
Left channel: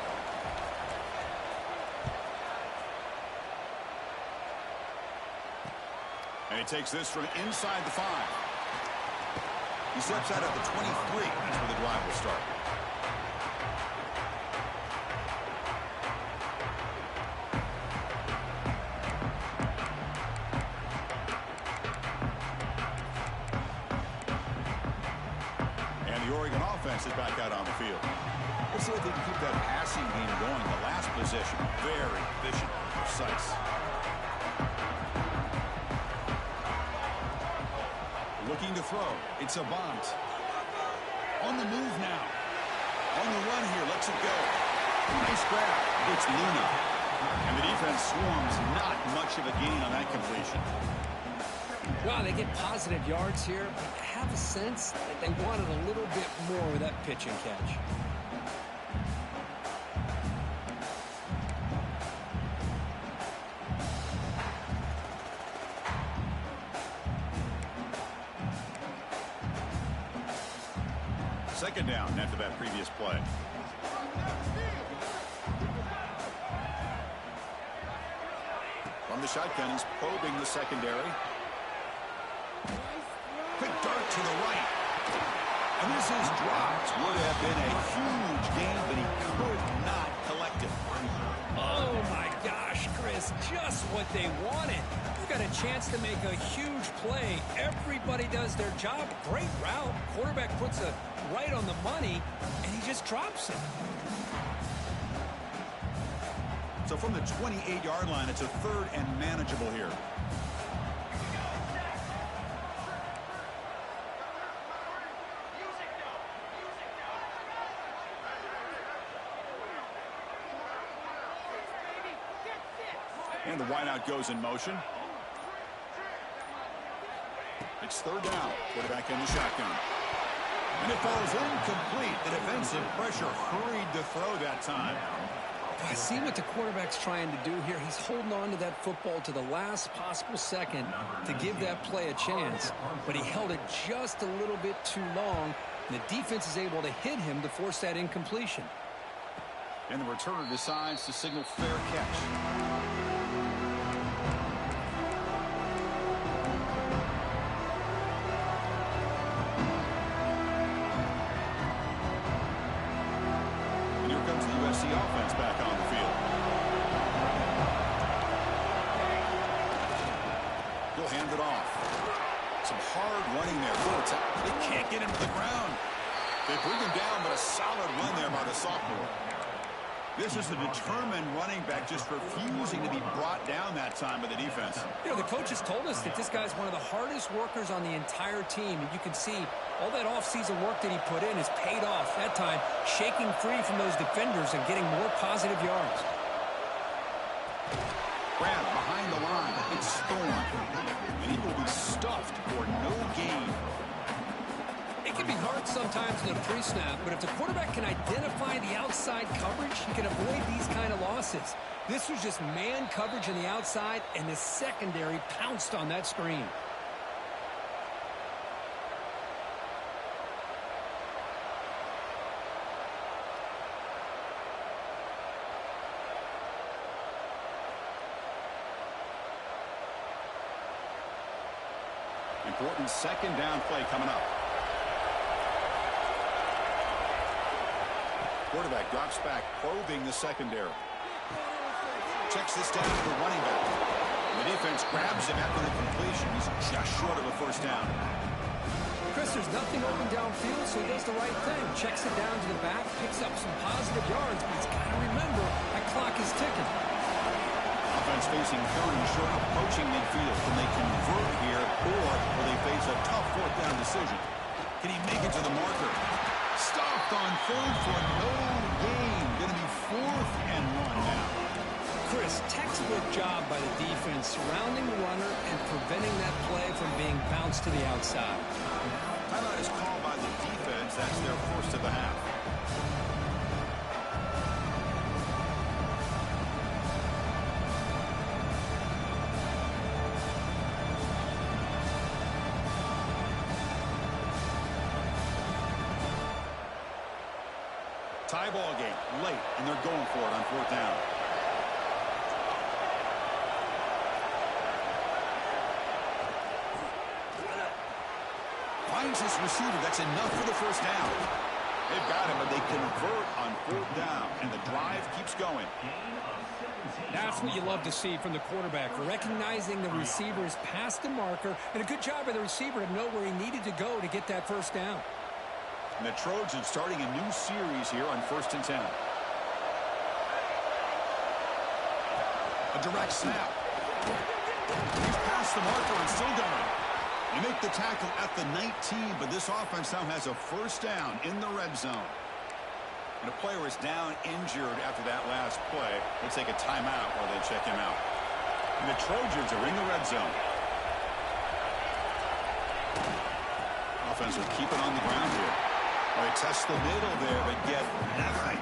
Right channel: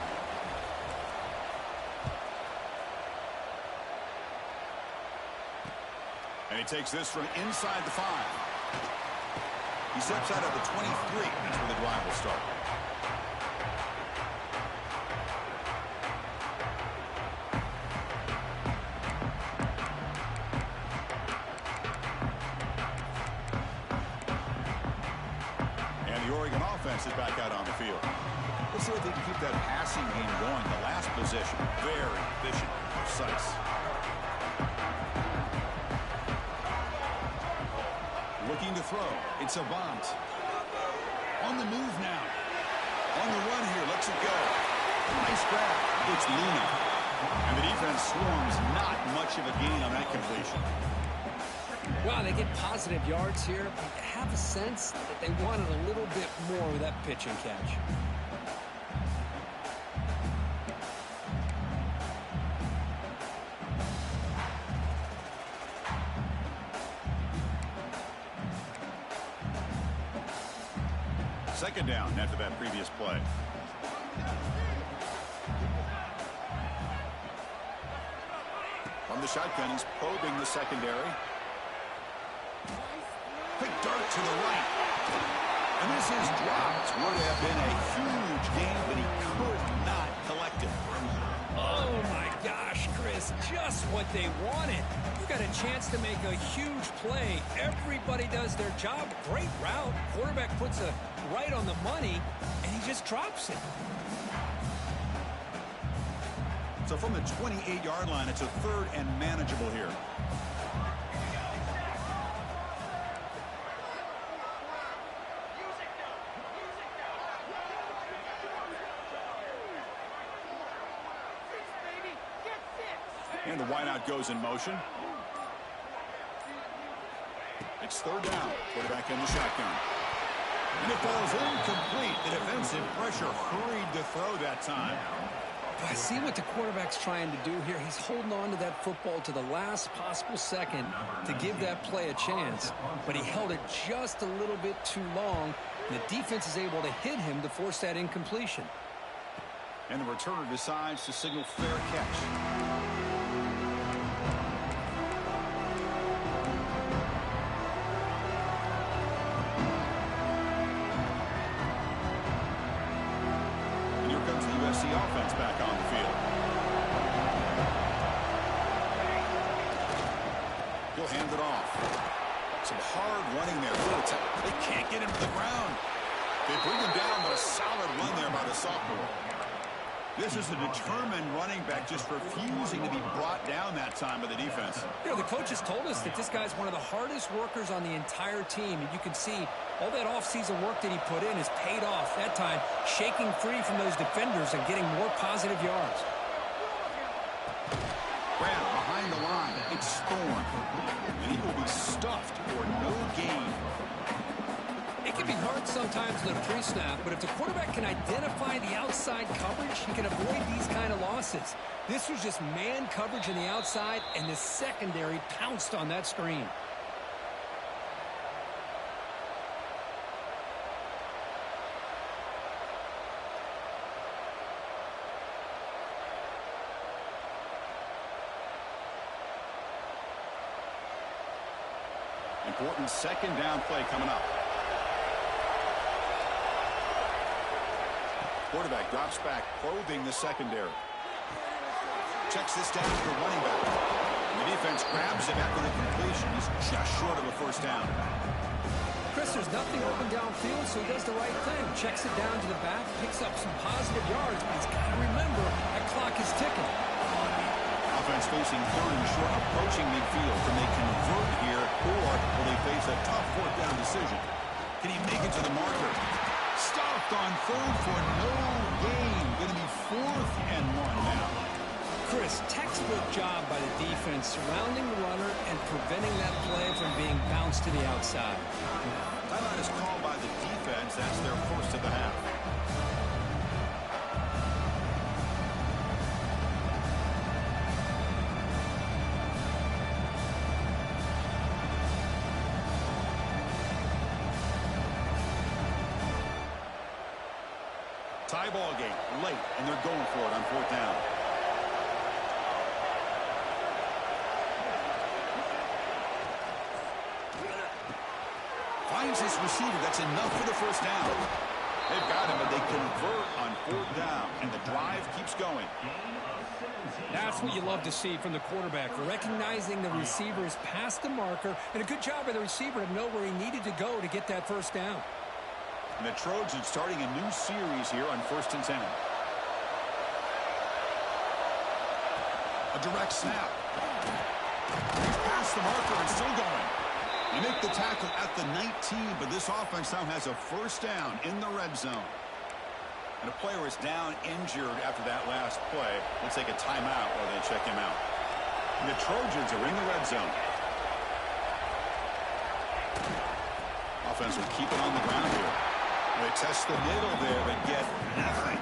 And he takes this from inside the 5. He steps out at the 23. That's where the drive will start. And the Oregon offense is back out on the field. Let's see if they can keep that passing game going. The last possession, very efficient and precise. Looking to throw. It's Avant. On the move now. On the run here. Lets it go. Nice grab. It's Luna. And the defense swarms. Not much of a gain on that completion. Wow, they get positive yards here, but you have a sense that they wanted a little bit more with that pitch and catch. Second down after that previous play. From the shotgun, he's probing the secondary. Quick dart to the right. And this is dropped. Would have been a huge gain, but he could not collect it. Oh, my gosh, Chris, just what they wanted. You got a chance to make a huge play. Everybody does their job. Great route. Quarterback puts it right on the money, and he just drops it. So from the 28-yard line, it's a 3rd and manageable here. And the wideout goes in motion. It's 3rd down. Quarterback in the shotgun. And it falls incomplete. The defensive pressure hurried to throw that time. I see what the quarterback's trying to do here. He's holding on to that football to the last possible second to give that play a chance. But he held it just a little bit too long. And the defense is able to hit him to force that incompletion. And the returner decides to signal fair catch. USC offense back on the field. He'll hand it off. Some hard running there. They can't get him to the ground. They bring him down, but a solid run there by the sophomore. This is a determined running back just refusing to be brought down that time by the defense. You know, the coaches told us that this guy's one of the hardest workers on the entire team. And you can see all that offseason work that he put in has paid off. That time, shaking free from those defenders and getting more positive yards. Grab behind the line. It's Thorne. And he will be stuffed for no gain. It can be hard sometimes in a pre-snap, but if the quarterback can identify the outside coverage, he can avoid these kind of losses. This was just man coverage on the outside, and the secondary pounced on that screen. Important 2nd down play coming up. Quarterback drops back, probing the secondary. Checks this down to the running back. And the defense grabs him after the completion. He's just short of a 1st down. Chris, there's nothing open downfield, so he does the right thing. Checks it down to the back, picks up some positive yards, but he's got to remember that clock is ticking. Offense facing 3rd and short, approaching midfield. Can they convert here, or will they face a tough 4th down decision? Can he make it to the marker? Stopped on 3rd for no gain. Going to be 4th and 1 now. Chris, textbook job by the defense surrounding the runner and preventing that play from being bounced to the outside. Timeout is called by the defense. That's their 1st of the half. Tie ball game late, and they're going for it on 4th down. Finds his receiver. That's enough for the 1st down. They've got him, but they convert on 4th down, and the drive keeps going. That's what you love to see from the quarterback, recognizing the receiver is past the marker, and a good job by the receiver to know where he needed to go to get that 1st down. And the Trojans starting a new series here on 1st and 10. A direct snap. He's past the marker and still going. They make the tackle at the 19, but this offense now has a 1st down in the red zone. And a player is down injured after that last play. We'll take a timeout while they check him out. And the Trojans are in the red zone. Offense will keep it on the ground here. Well, they test the middle there, but get nothing.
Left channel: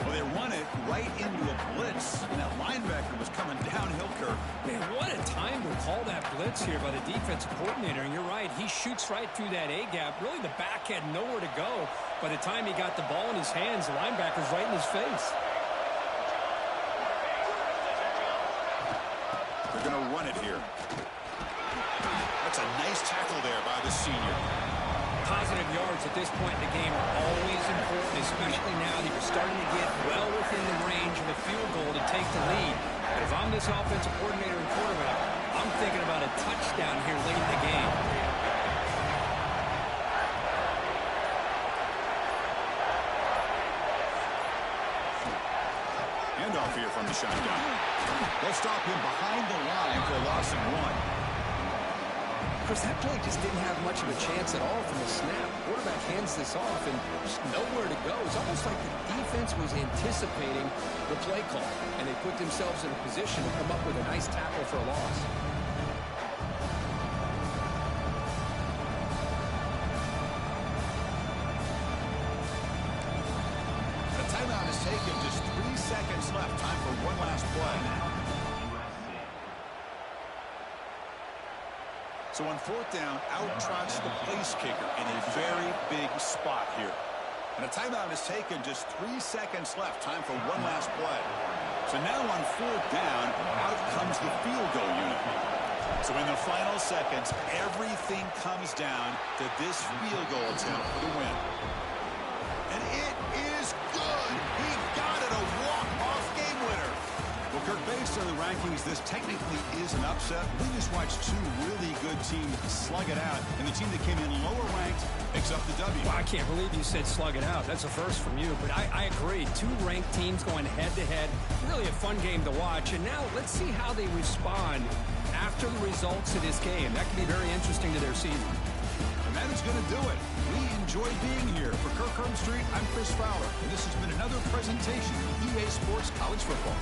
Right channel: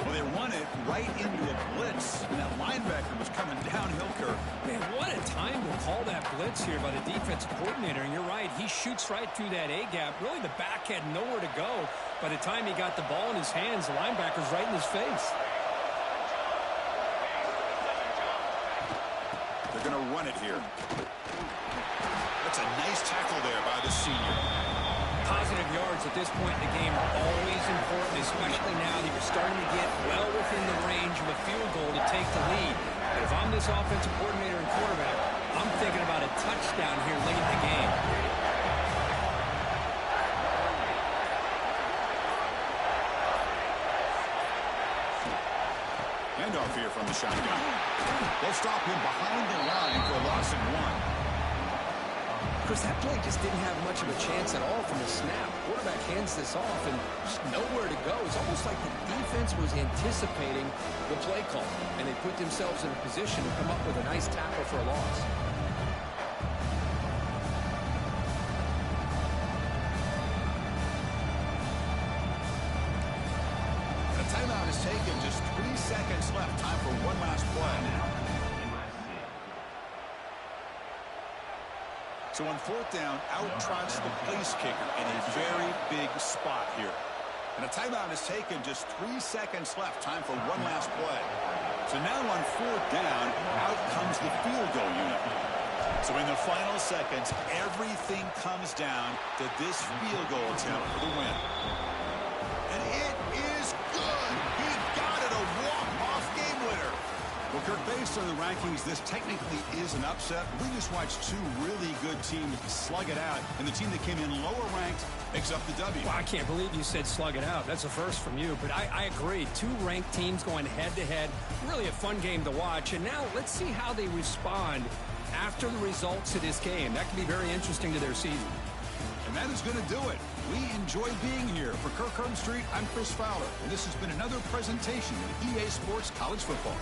Well, they run it right into a blitz, and that linebacker was coming downhill, Kirk. Man, what a time to call that blitz here by the defensive coordinator. And you're right, he shoots right through that A-gap. Really, the back had nowhere to go. By the time he got the ball in his hands, the linebacker's right in his face. They're going to run it here. That's a nice tackle there by the senior. Positive yards at this point in the game are always important, especially now that you're starting to get well within the range of a field goal to take the lead. But if I'm this offensive coordinator and quarterback, I'm thinking about a touchdown here late in the game. Handoff here from the shotgun. They'll stop him behind the line for a loss of 1. Chris, that play just didn't have much of a chance at all from the snap. Quarterback hands this off and just nowhere to go. It's almost like the defense was anticipating the play call, and they put themselves in a position to come up with a nice tackle for a loss. A timeout is taken. Just 3 seconds left. Time for one last play. So on 4th down, out trots the place kicker in a very big spot here. And a timeout is taken. Just 3 seconds left. Time for one last play. So now on 4th down, out comes the field goal unit. So in the final seconds, everything comes down to this field goal attempt for the win. And it is good. He got it, a walk-off game winner. Well, Kirk, based on the rankings, this technically is an upset. We just watched 2 really good teams slug it out, and the team that came in lower ranked picks up the W. Well, I can't believe you said slug it out. That's a first from you, but I agree. 2 ranked teams going head-to-head. Really a fun game to watch, and now let's see how they respond after the results of this game. That could be very interesting to their season. And that is going to do it. We enjoy being here. For Kirk Herbstreit, I'm Chris Fowler, and this has been another presentation of EA Sports College Football.